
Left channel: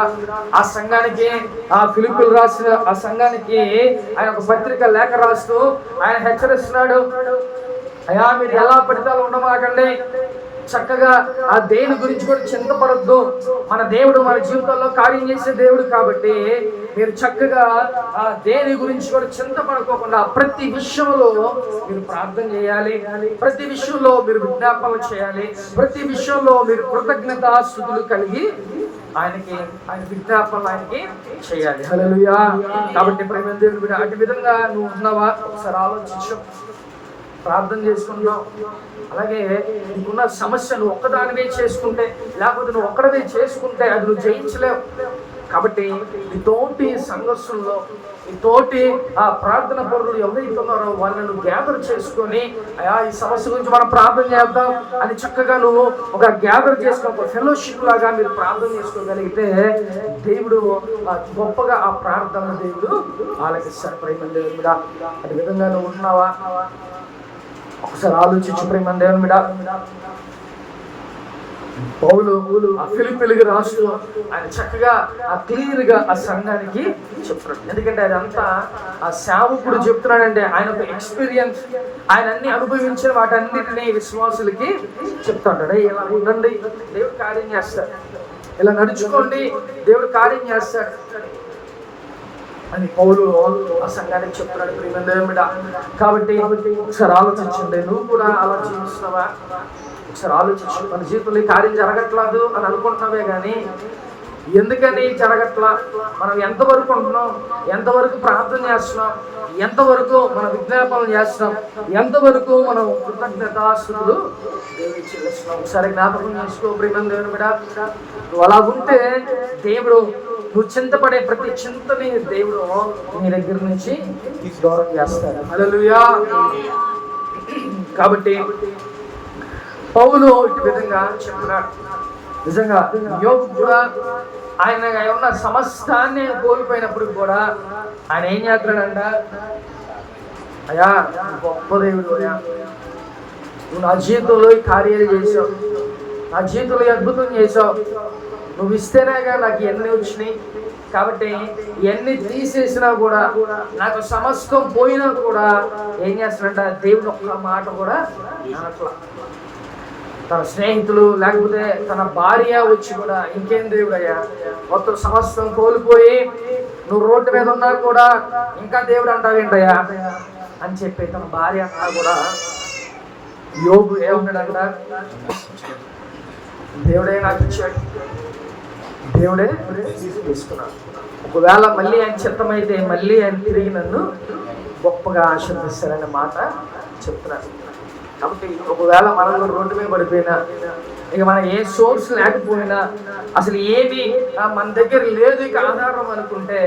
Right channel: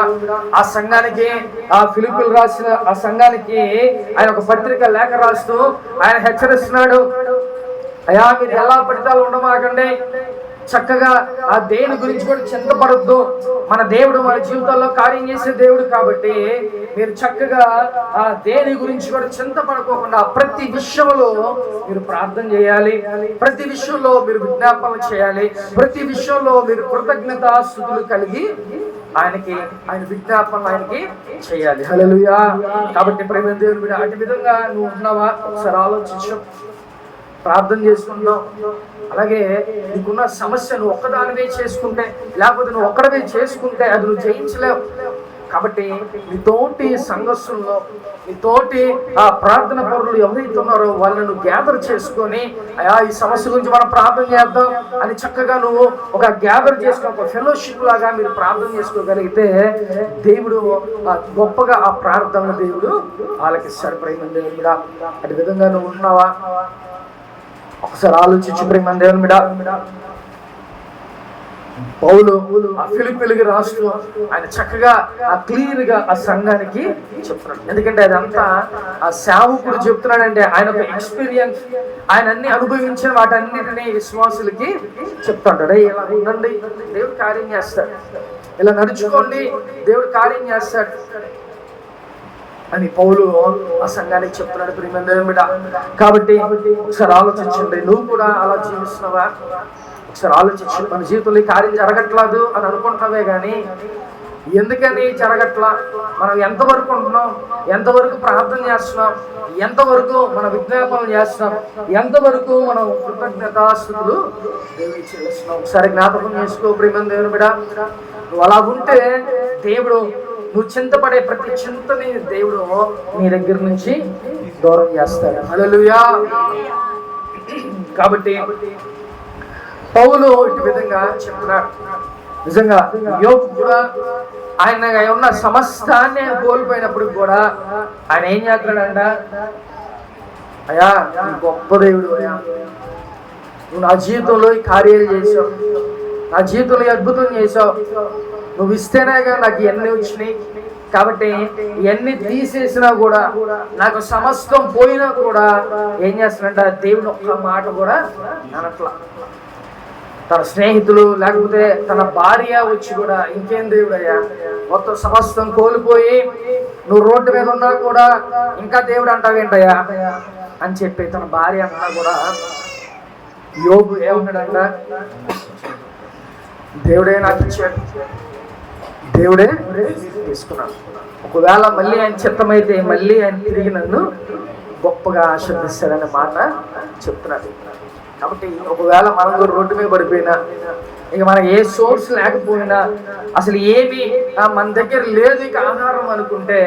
ఆ సంఘానికి, ఆ ఫిలిప్పీలు రాసిన ఆ సంఘానికి ఆయన ఒక పత్రిక లేఖ రాస్తూ ఆయన హెచ్చరిస్తున్నాడు. అయ్యా, మీరు ఎలా పడితే అలా ఉండమాకండి. చక్కగా ఆ దేవుని గురించి కూడా చింతపడద్దు. మన దేవుడు మన జీవితాల్లో కార్యం చేసే దేవుడు కాబట్టి మీరు చక్కగా ఆ దేవుని గురించి కూడా చింతపడకోకుండా ప్రతి విషయంలో మీరు ప్రార్థన చేయాలి. ప్రతి విషయంలో మీరు విజ్ఞాపన చేయాలి. ప్రతి విషయంలో మీరు కృతజ్ఞత స్తుతులు కలిగి ఆయన విజ్ఞాపన ఆయనకి చేయాలి. హల్లెలూయా. కాబట్టి ప్రేమ దేవుడు అటు విధంగా నువ్వు ఉన్నావా? ఒకసారి ఆలోచించు. ప్రార్థన చేసుకుంటాం. అలాగే నీకున్న సమస్య నువ్వు ఒక్కదానివే చేసుకుంటే, లేకపోతే నువ్వు ఒక్కడవే చేసుకుంటే అది నువ్వు జయించలేవు. కాబట్టి నీతోటి సంఘర్షణలో నీతోటి ఆ ప్రార్థన పరులు ఎవరైతే ఉన్నారో వాళ్ళను గ్యాదర్ చేసుకొని, అయా ఈ సమస్య గురించి మనం ప్రార్థన చేద్దాం అని చక్కగా నువ్వు ఒక గ్యాదర్ చేసుకుని ఒక ఫెలోషిప్ లాగా మీరు ప్రార్థన చేసుకోగలిగితే దేవుడు గొప్పగా ఆ ప్రార్థన దేవుడు ఆలకిస్తాడు. ప్రేమ దేవుడు కూడా అటు విధంగా నువ్వు ఉన్నావా? ఒకసారి ఆలోచించు ప్రేమ దేవుని మీద. పౌలు ఆ ఫిలిప్పీలకి రాస్తూ ఆయన చక్కగా క్లియర్ గా ఆ సంఘానికి చెప్తున్నాడు. ఎందుకంటే అదంతా ఆ సేవకుడు చెప్తున్నాడంటే ఆయన ఒక ఎక్స్పీరియన్స్, ఆయన అన్ని అనుభవించిన వాటన్నిటిని విశ్వాసులకి చెప్తాడు. ఇలా ఉండండి, దేవుడు కార్యం చేస్తాడు. ఇలా నడుచుకోండి, దేవుడు కార్యం చేస్తాడు అని పౌలు ఆ సంఘానికి చెప్తున్నాడు. ప్రియమైన దేవుని బిడ్డ, కాబట్టి ఒకసారి ఆలోచించండి. నువ్వు కూడా అలా జీవిస్తున్నావా? ఒకసారి ఆలోచించు. మన జీవితంలో ఈ కార్యం జరగట్లేదు అని అనుకుంటున్నావే కానీ ఎందుకని జరగట్లా? మనం ఎంతవరకు ఉంటున్నాం? ఎంతవరకు ప్రార్థన చేస్తున్నాం? ఎంతవరకు మనం విజ్ఞాపనం చేస్తున్నాం? ఎంతవరకు మనం కృతజ్ఞతాస్తుతులు దేవుడికి చెల్లిస్తున్నాం? ఒకసారి జ్ఞాపకం చేసుకో ప్రియమైన దేవుని బిడ్డ. నువ్వు అలా ఉంటే దేవుడు నువ్వు చింతపడే ప్రతి చింతని దేవుడు నీ దగ్గర నుంచి దూరం చేస్తాడు. హల్లెలూయా. కాబట్టి పౌలు ఇటు విధంగా చెప్తున్నాడు. నిజంగా యోబు కూడా ఆయన ఉన్న సమస్తాన్ని కోల్పోయినప్పుడు కూడా ఆయన ఏం చేస్తున్నాడంట? అయ్యా, గొప్ప దేవుడు అయ్యా, నువ్వు నా జీవితంలో ఈ కార్యాలు చేసావు, నా జీవితంలో అద్భుతం చేసావు, నువ్వు ఇస్తేనేగా నాకు ఇవన్నీ వచ్చినాయి. కాబట్టి ఇవన్నీ తీసేసినా కూడా, నాకు సమస్తం పోయినా కూడా ఏం చేస్తాడంట? దేవుడు ఒక్క మాట కూడా అనట్లా. తన స్నేహితులు లేకపోతే తన భార్య వచ్చి కూడా, ఇంకేం దేవుడయ్యా, మొత్తం సమస్తం కోల్పోయి నువ్వు రోడ్డు మీద ఉన్నా కూడా ఇంకా దేవుడు అంటావేంటయ్యా అని చెప్పి తన భార్య అన్నా కూడా యోబు ఏమన్నాడంట? దేవుడే నాకు ఇచ్చాడు, దేవుడే తీసుకున్నాడు. ఒకవేళ మళ్ళీ ఆయన చిత్తమైతే మళ్ళీ ఆయన తిరిగి నన్ను గొప్పగా ఆశీర్వదిస్తాడనే మాట చెప్తున్నాడు. కాబట్టి ఒకవేళ మనం కూడా రోడ్డు మీద పడిపోయినా, ఇక మనకి ఏ సోర్స్ లేకపోయినా, అసలు ఏమి మన దగ్గర లేదు ఇక ఆధారం అనుకుంటే,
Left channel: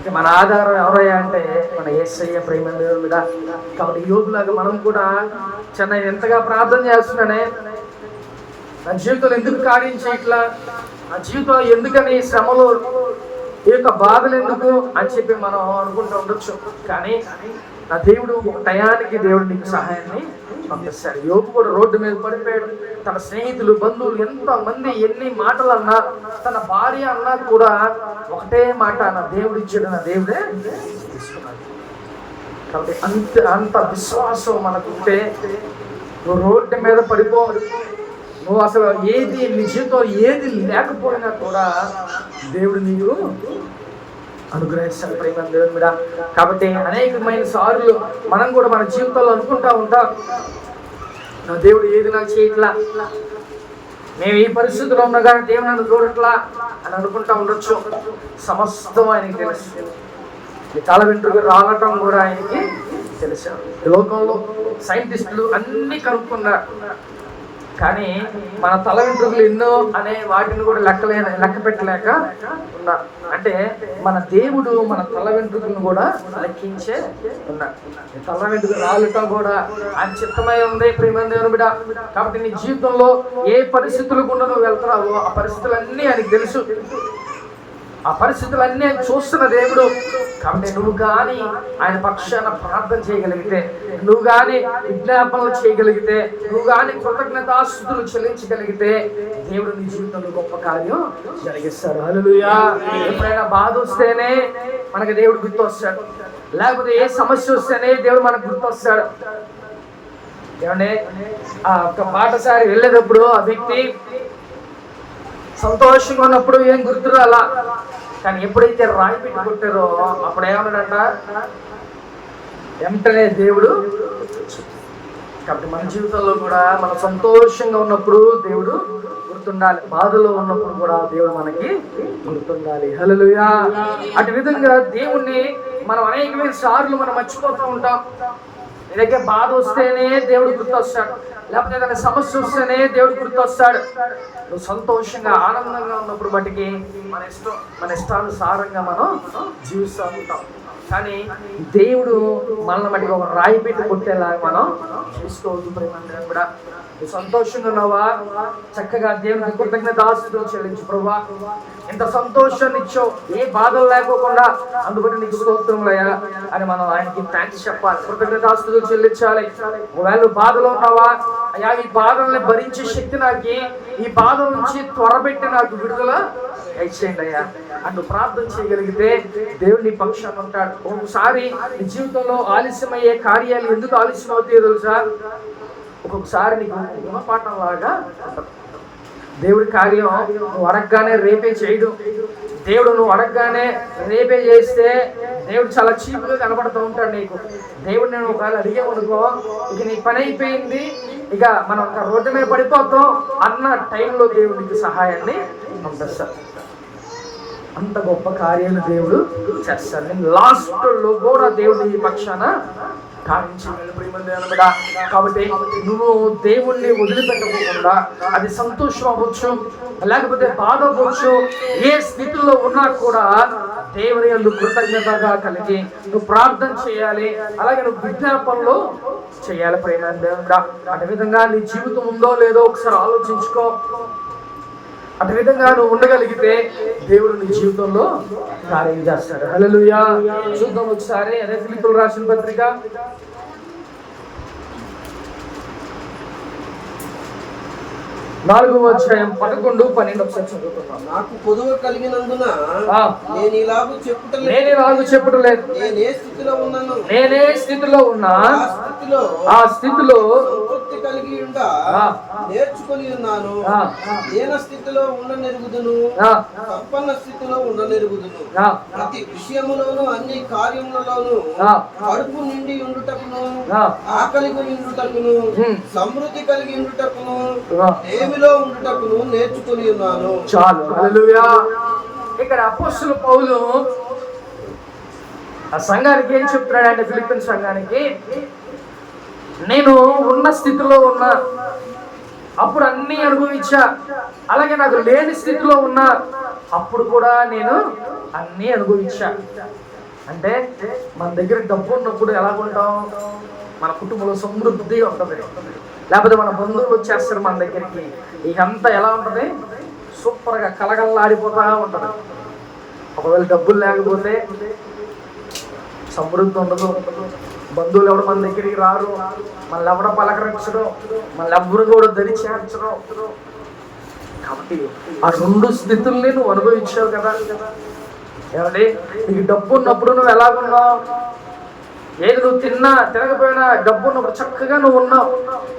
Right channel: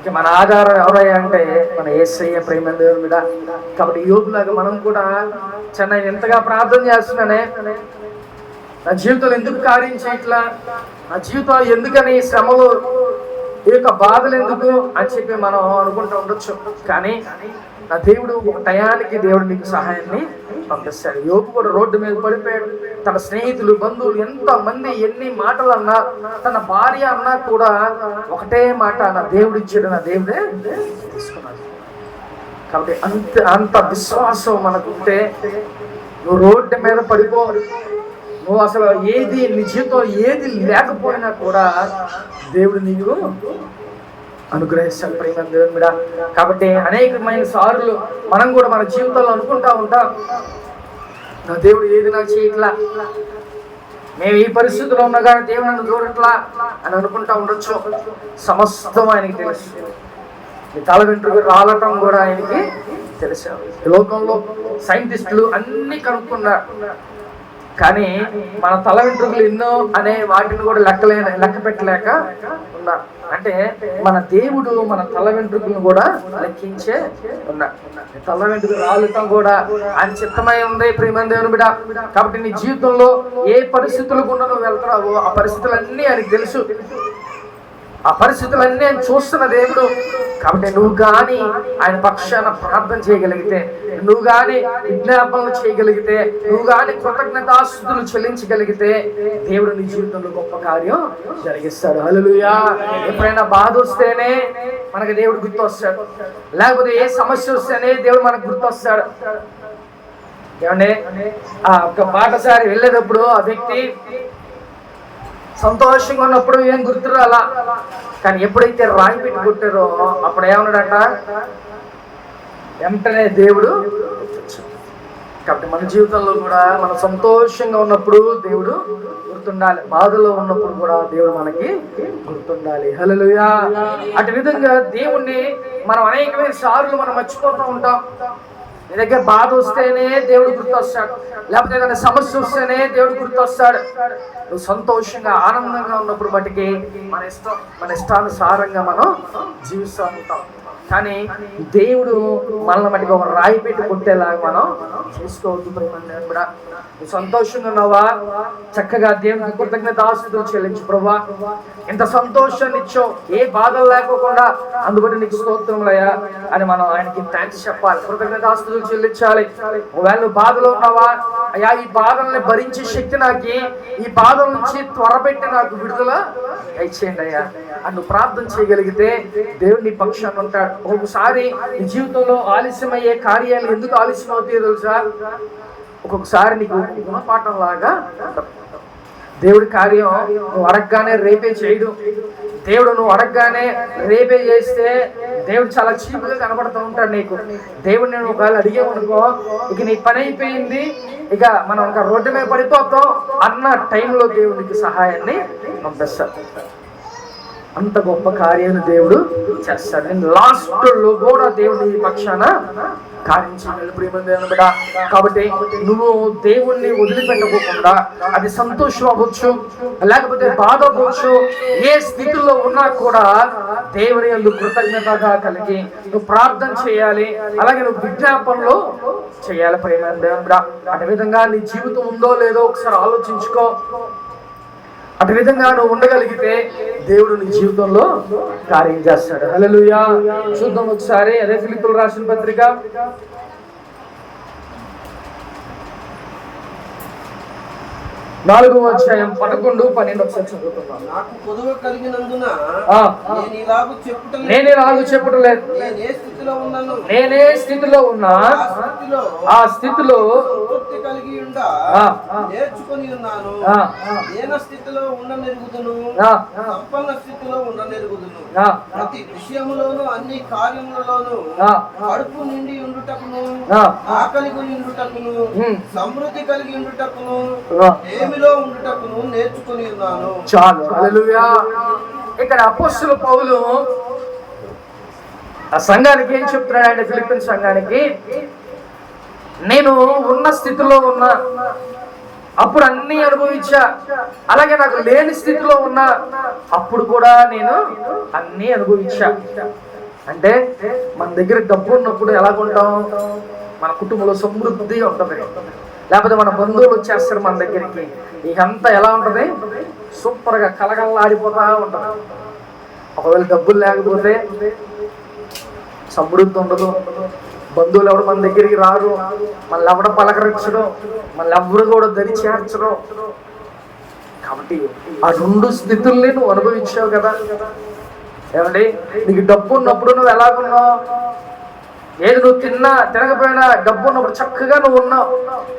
ఇక మన ఆధారం ఎవరయ్యా అంటే మన యేసయ్య ప్రేమ దేవుని మీద. కాబట్టి యోగులాగా మనం కూడా చెన్నై ఎంతగా ప్రార్థన చేస్తున్నానే, నా జీవితంలో ఎందుకు కార్యం చేయట్లా, నా జీవితం ఎందుకని శ్రమలు, ఈ యొక్క బాధలు ఎందుకు అని చెప్పి మనం అనుకుంటూ ఉండొచ్చు. కానీ నా దేవుడు ఒక టయానికి దేవుడు నీకు సహాయాన్ని పంపిస్తాడు. యోబు కూడా రోడ్డు మీద పడిపోయాడు. తన స్నేహితులు, బంధువులు ఎంతమంది ఎన్ని మాటలు అన్నా, తన భార్య అన్నా కూడా ఒకటే మాట, నా దేవుడు ఇచ్చాడు, నా దేవుడే తీసుకున్నాడు. కాబట్టి అంత విశ్వాసం మనకుంటే నువ్వు రోడ్డు మీద పడిపో, నువ్వు అసలు ఏది నీ జీవితంలో ఏది లేకపోయినా కూడా దేవుడు నీవు అనుగ్రహిస్తాడు ప్రేమ దేవుని మీద. కాబట్టి అనేకమైన సార్లు మనం కూడా మన జీవితంలో అనుకుంటా ఉంటాం, నా దేవుడు ఏది నాకు చేయట్లా, మేము ఈ పరిస్థితుల్లో ఉన్నా కానీ దేవుడు నన్ను చూడట్లా అని అనుకుంటా ఉండొచ్చు. సమస్తం ఆయనకి తెలుసు. ఈ తల వెంట్రుకు రాలటం కూడా ఆయనకి తెలుసు. లోకంలో సైంటిస్టులు అన్ని కనుక్కున్నారు, కానీ మన తల వెంట్రుకలు ఎన్నో అనే వాటిని కూడా లెక్క పెట్టలేక ఉన్నారు. అంటే మన దేవుడు మన తల వెంట్రుకలను కూడా లెక్కించే ఉన్నాడు. తల వెంట్రుకలు రాలటం కూడా ఆయన చిత్తమై ఉంది ప్రియమైన దేవుని బిడ్డ. కాబట్టి నీ జీవితంలో ఏ పరిస్థితులు గుండా నువ్వు వెళ్తున్నావు, ఆ పరిస్థితులన్నీ ఆయనకు తెలుసు. ఆ పరిస్థితులన్నీ ఆయన చూస్తున్న దేవుడు. కాబట్టి నువ్వు కానీ ఆయన పక్షాన ప్రార్థన చేయగలిగితే, నువ్వు కానీ విజ్ఞాపనలు చేయగలిగితే, నువ్వు కానీ కృతజ్ఞతాస్తుతులు చెల్లించగలిగితే దేవుడు నీ జీవితంలో గొప్ప కార్యం జరిగిస్తాడు. హల్లెలూయా. ఎప్పుడైనా బాధ వస్తేనే మనకు దేవుడు గుర్తొస్తాడు, లేకపోతే ఏ సమస్య వస్తేనే దేవుడు మనకు గుర్తొస్తాడు. ఏమంటే ఆ ఒక పాఠశాల వెళ్ళేటప్పుడు ఆ వ్యక్తి సంతోషంగా ఉన్నప్పుడు ఏం గుర్తురా అలా, కానీ ఎప్పుడైతే రాయి పెట్టి కొట్టారో అప్పుడు ఏమన్నాడట, వెంటనే దేవుడు. కాబట్టి మన జీవితంలో కూడా మనం సంతోషంగా ఉన్నప్పుడు దేవుడు గుర్తుండాలి, బాధలో ఉన్నప్పుడు కూడా దేవుడు మనకి గుర్తుండాలి. హల్లెలూయా. అటు విధంగా దేవుణ్ణి మనం అనేకమైన సార్లు మనం మర్చిపోతూ ఉంటాం. నీ దగ్గర బాధ వస్తేనే దేవుడు గుర్తొస్తాడు, లేకపోతే ఏదైనా సమస్య వస్తేనే దేవుడు గుర్తొస్తాడు. నువ్వు సంతోషంగా ఆనందంగా ఉన్నప్పుడు బట్టికి మన ఇష్టానుసారంగా మనం జీవిస్తూ ఉంటాం. కానీ దేవుడు మనల్ని మటుకు ఒక రాయి పెట్టి కొట్టేలాగా మనం చేసుకోవద్దు. కూడా నువ్వు సంతోషంగా ఉన్నావా, చక్కగా దేవునికి కృతజ్ఞతాస్తుతులు చెల్లించు. ప్రభువా, ఇంత సంతోషాన్ని ఇచ్చావు, ఏ బాధలు లేకోకుండా, అందుబట్టి నీకు స్తోత్రములయ్యా అని మనం ఆయనకి థ్యాంక్స్ చెప్పాలి, కృతజ్ఞతాస్తుతులు చెల్లించాలి. ఒకవేళ నువ్వు బాధలో ఉన్నావా, అయ్యా ఈ బాధల్ని భరించే శక్తి నాకు, ఈ బాధల నుంచి త్వరపెట్టి నాకు విడుదల దయచేయండి అయ్యా అని ప్రార్థన చేయగలిగితే దేవుడు నీ పక్షాన్ని ఉంటాడు. ఒక్కొక్కసారి నీ జీవితంలో ఆలస్యమయ్యే కార్యాలు ఎందుకు ఆలస్యం అవుతాయో తెలుసా? ఒక్కొక్కసారి నీకు గుణపాఠం లాగా దేవుడి కార్యం నువ్వు అడగగానే రేపే చేయడు. దేవుడు నువ్వు అడగగానే రేపే చేస్తే దేవుడు చాలా చీపుగా కనబడుతూ ఉంటాడు నీకు. దేవుడు నేను ఒకవేళ అడిగావు అనుకో, ఇక నీ పని అయిపోయింది, ఇక మనం ఒక రోడ్డు మీద పడిపోతాం అన్న టైంలో దేవుడికి సహాయాన్ని పంపిస్తాడు. అంత గొప్ప కార్యాన్ని దేవుడు చేస్తాడు. లాస్ట్ లో కూడా దేవుడు నీ పక్షాన కార్యం చేయగలడు ప్రియమైన దేవుని బిడ్డ. కాబట్టి నువ్వు దేవుణ్ణి వదిలిపెట్టకుండా, అది సంతోషం అవ్వచ్చు, లేకపోతే బాధ అవ్వచ్చు, ఏ స్థితిలో ఉన్నా కూడా దేవుని యందు కృతజ్ఞతగా కలిగి నువ్వు ప్రార్థన చేయాలి. అలాగే నువ్వు విజ్ఞాపనలో చేయాలి ప్రియమైన దేవుని బిడ్డ. అదే విధంగా నీ జీవితం ఉందో లేదో ఒకసారి ఆలోచించుకో. అటు విధంగా నువ్వు ఉండగలిగితే దేవుడు నీ జీవితంలో కార్యం చేస్తాడు. హల్లెలూయా. చూద్దాం ఒకసారి అదే ఫిలిప్పీయులకు రాసిన పత్రిక 4వ అధ్యాయం 11-12 ఒకసారి చదువుతున్నాం. నాకు పొదువ కలిగినందున నేను ఇలాగ చెప్పుటలేదు. నేనే స్థితిలో ఉన్నా ఆ స్థితిలో సంతృప్తి కలిగి ఉండా నేర్చుకొని ఉన్నాను. దీన స్థితిలో ఉండనెరుగుదును, సంపన్న స్థితిలో ఉండనెరుగుదును. ప్రతి విషయములోను అన్ని కార్యములలోను కడుపు నిండి ఉండుటకును, ఆకలి ఉండుటకును, సమృద్ధి కలిగి ఉండుటకును, ఏమిలో ఉండుటకును నేర్చుకొని ఉన్నాను. చాలు. హల్లెలూయా. ఇక్కడ అపోస్తలుడు పౌలు ఆ సంఘానికి ఏం చెప్తున్నాడంటే, ఫిలిప్పీ సంఘానికి, నేను ఉన్న స్థితిలో ఉన్నా, అప్పుడు అన్ని అనుభవించా, అలాగే నాకు లేని స్థితిలో ఉన్నా, అప్పుడు కూడా నేను అన్ని అనుభవించా. అంటే మన దగ్గర డబ్బు ఉన్నప్పుడు ఎలాగుంటాం, మన కుటుంబంలో సమృద్ధి ఉంటుంది, లేకపోతే మన బంధువులు వచ్చేస్తారు మన దగ్గరికి, ఇకంతా ఎలా ఉంటుంది, సూపర్గా కలగల్లాడిపోతా ఉంటుంది. ఒకవేళ డబ్బులు లేకపోతే సమృద్ధి ఉండదు, బంధువులు ఎవరు మన దగ్గరికి రారు, మళ్ళీ ఎవడ పలకరించడం, మళ్ళీ ఎవరు కూడా దరి చేర్చడం. కాబట్టి ఆ 2 స్థితుల్ని నువ్వు అనుభవించావు కదా. ఏమండి, నీకు డబ్బు ఉన్నప్పుడు నువ్వు ఎలాగున్నావు, ఏది నువ్వు తినకపోయినా డబ్బు ఉన్నప్పుడు చక్కగా నువ్వు ఉన్నావు.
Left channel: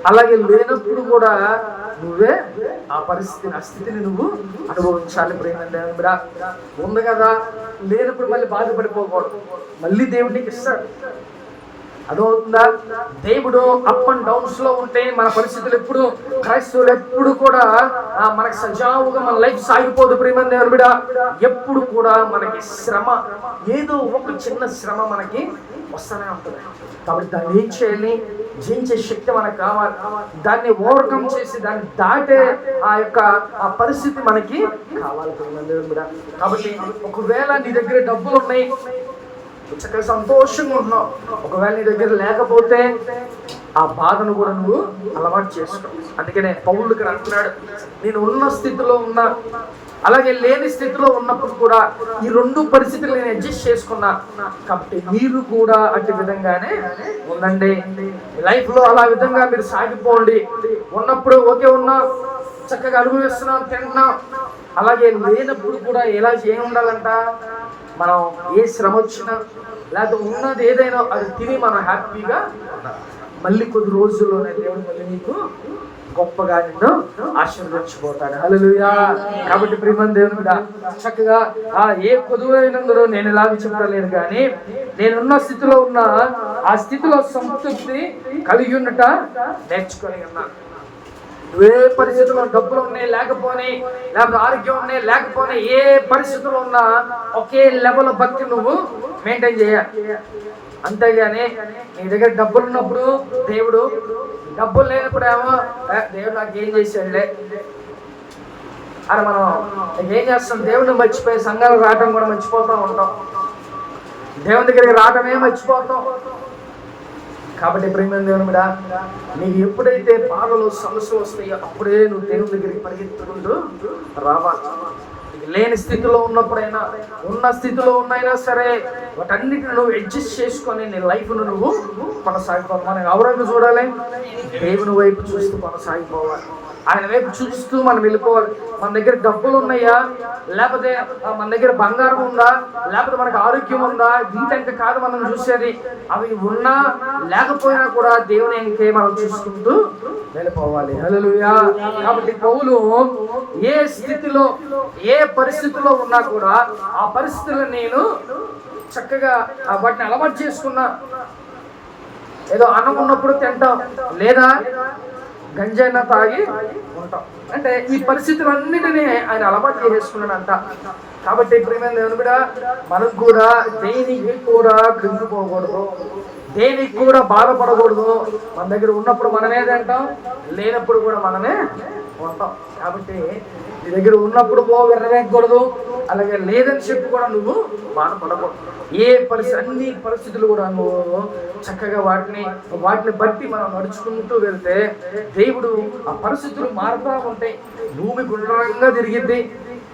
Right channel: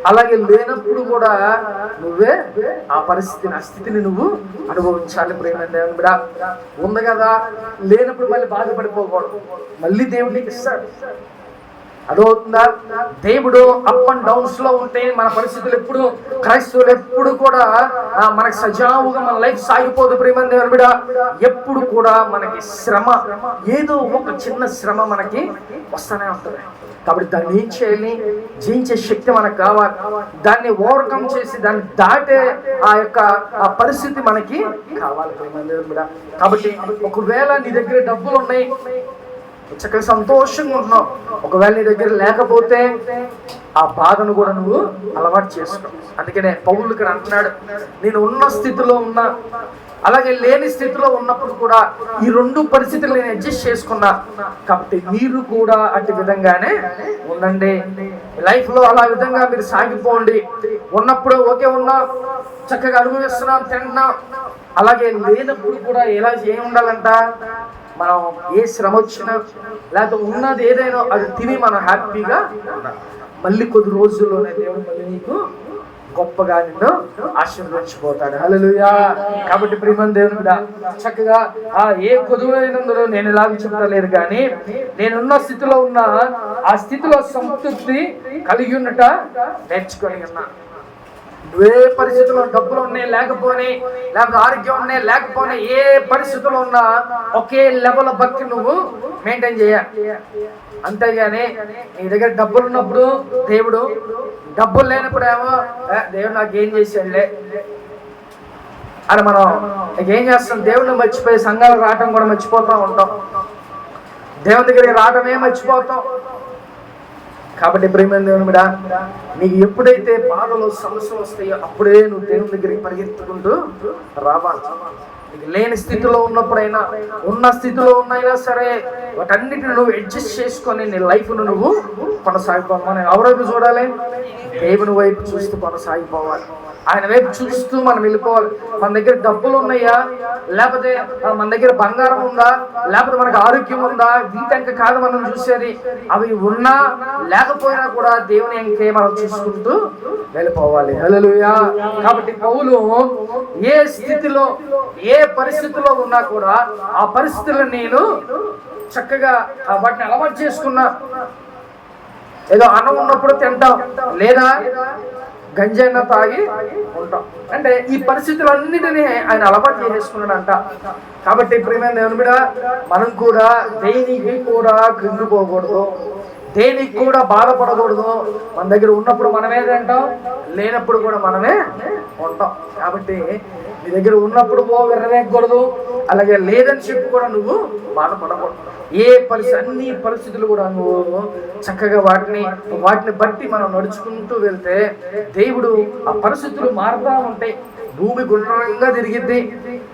అలాగే లేనప్పుడు కూడా నువ్వే ఆ పరిస్థితిని, ఆ స్థితిని నువ్వు అనుభవించాలి ప్రియమైన దేవుని బిడ్డ. ఉంది కదా, లేనప్పుడు మళ్ళీ బాధపడిపోకూడదు, మళ్ళీ దేవుడు నీకు ఇస్తాడు. అదవుతుందా? దేవుడు అప్ అండ్ డౌన్స్ లో ఉంటే మన పరిస్థితులు ఎప్పుడు, క్రైస్తవులు ఎప్పుడు కూడా మనకి సజావుగా మన లైఫ్ సాగిపోదు ప్రియమైన దేవుని బిడ్డ. ఎప్పుడు కూడా మనకి శ్రమ, ఏదో ఒక చిన్న శ్రమ మనకి వస్తూనే ఉంటుంది. కాబట్టి దాన్ని ఏం చేయాలి? జయించే శక్తి మనకు కావాలి. దాన్ని ఓవర్కమ్ చేసి దాన్ని దాటే ఆ పరిస్థితి మనకి కావాలి కూడా. కాబట్టి ఒకవేళ నీ దగ్గర డబ్బులు ఉన్నాయి, చక్కగా సంతోషంగా ఉంటున్నావు, ఒకవేళ నీ దగ్గర లేకపోతే ఆ బాధను కూడా నువ్వు అలవాటు చేసుకో. అందుకనే పౌలు ఇక్కడ అంటున్నాడు, నేను ఉన్న స్థితిలో ఉన్నా, అలాగే లేని స్థితిలో ఉన్నప్పుడు కూడా ఈ రెండు పరిస్థితులు నేను అడ్జస్ట్ చేసుకున్నా. కాబట్టి మీరు కూడా అట్టి విధంగానే ఉండండి. లైఫ్ లో అలా విధంగా మీరు సాగిపోండి. ఉన్నప్పుడు ఓకే, ఉన్నా చక్కగా అనుభవిస్తున్నాం, తింటున్నాం. అలాగే లేనప్పుడు కూడా ఎలా చేయ ఉండాలంట, మనం ఏ శ్రమ వచ్చినా లేకపోతే ఉన్నది ఏదైనా అది తిని మనం హ్యాపీగా మళ్ళీ కొద్ది రోజుల్లోనే దేవుడు మళ్ళీ నీకు గొప్పగా నిన్ను ఆశీర్వదించిపోతాడు. హల్లెలూయా. కాబట్టి ప్రియమైన దేవుడా, చక్కగా ఏ కొదువైనందులో నేను ఇలాగ చెప్పలేదు, కానీ నేనున్న స్థితిలో ఉన్న ఆ స్థితిలో సంతృప్తి కలిగి ఉన్నట నేర్చుకొని ఉన్నా. ఏ పరిస్థితుల్లో డబ్బులు ఉన్నాయి లేకపోయి, లేకపోతే ఆరోగ్యం ఉన్నాయి లేకపోయినా, ఏ పరిస్థితుల్లో ఉన్నా ఒకే లెవెల్ భక్తి నువ్వు మెయింటైన్ చేయాలి. అంతేగాని నీ దగ్గర డబ్బులు ఉన్నప్పుడు దేవుడు, డబ్బులు లేనప్పుడు ఏమో దేవుడు నాకు ఏం చేశాడులే అని మనం ఏం చేస్తాం, దేవుడిని మర్చిపోయి సంఘాలకు రావడం కూడా మర్చిపోతూ ఉంటాం, దేవుని దగ్గరికి రావడమే మర్చిపోతాం. కాబట్టి ప్రియమైన దేవుని కూడా, నీకు ఎప్పుడైతే బాధలు సమస్యలు వస్తాయో అప్పుడే నువ్వు దేవుని దగ్గరికి పరిగెత్తుకుంటూ రావాలి. లేని స్థితిలో ఉన్నప్పుడైనా, ఉన్న స్థితిలో ఉన్నైనా సరే, వాటన్నిటిని నువ్వు అడ్జస్ట్ చేసుకొని నీ లైఫ్ను నువ్వు కొనసాగిపోవాలి. ఎవరైనా చూడాలి, దేవుని వైపు చూస్తూ కొనసాగిపోవాలి. ఆయన వైపు చూస్తూ మనం వెళ్ళిపోవాలి. మన దగ్గర డబ్బులు ఉన్నాయా, లేకపోతే మన దగ్గర బంగారం ఉందా, లేకపోతే మనకు ఆరోగ్యం ఉందా, వీటంక కాదు మనం చూసేది. అవి ఉన్నా లేకపోయినా కూడా దేవుని ఇంకే మనం చూసుకుంటూ వెళ్ళిపోవాలి. హల్లెలూయా. కాబట్టి పౌలు ఏ స్థితిలో ఏ పరిస్థితిలో ఉన్నా కూడా ఆ పరిస్థితుల్లో నేను చక్కగా వాటిని అలవాటు చేసుకున్నా. ఏదో అన్నం ఉన్నప్పుడు తింటాం, లేదా గంజైనా తాగి ఉంటాం. అంటే ఈ పరిస్థితులన్నిటినీ ఆయన అలవాటు చేసేసుకున్నాడంట. కాబట్టి ప్రియమైన దేవుని బిడ్డ, మనం కూడా దేనికి కూడా కృంగిపోకూడదు, దేనికి కూడా బాధపడకూడదు. మన దగ్గర ఉన్నప్పుడు మనమే తింటాం, లేనప్పుడు కూడా మనమే ఉంటాం. కాబట్టి నీ దగ్గర ఉన్నప్పుడు విరవేయకూడదు, అలాగే లేదని చెప్పి కూడా నువ్వు బాధపడకూడదు. అన్ని పరిస్థితులు కూడా నువ్వు చక్కగా వాటిని బట్టి మనం నడుచుకుంటూ వెళ్తే దేవుడు ఆ పరిస్థితులు మారుతూ ఉంటాయి. భూమి గుండ్రంగా తిరిగిద్ది,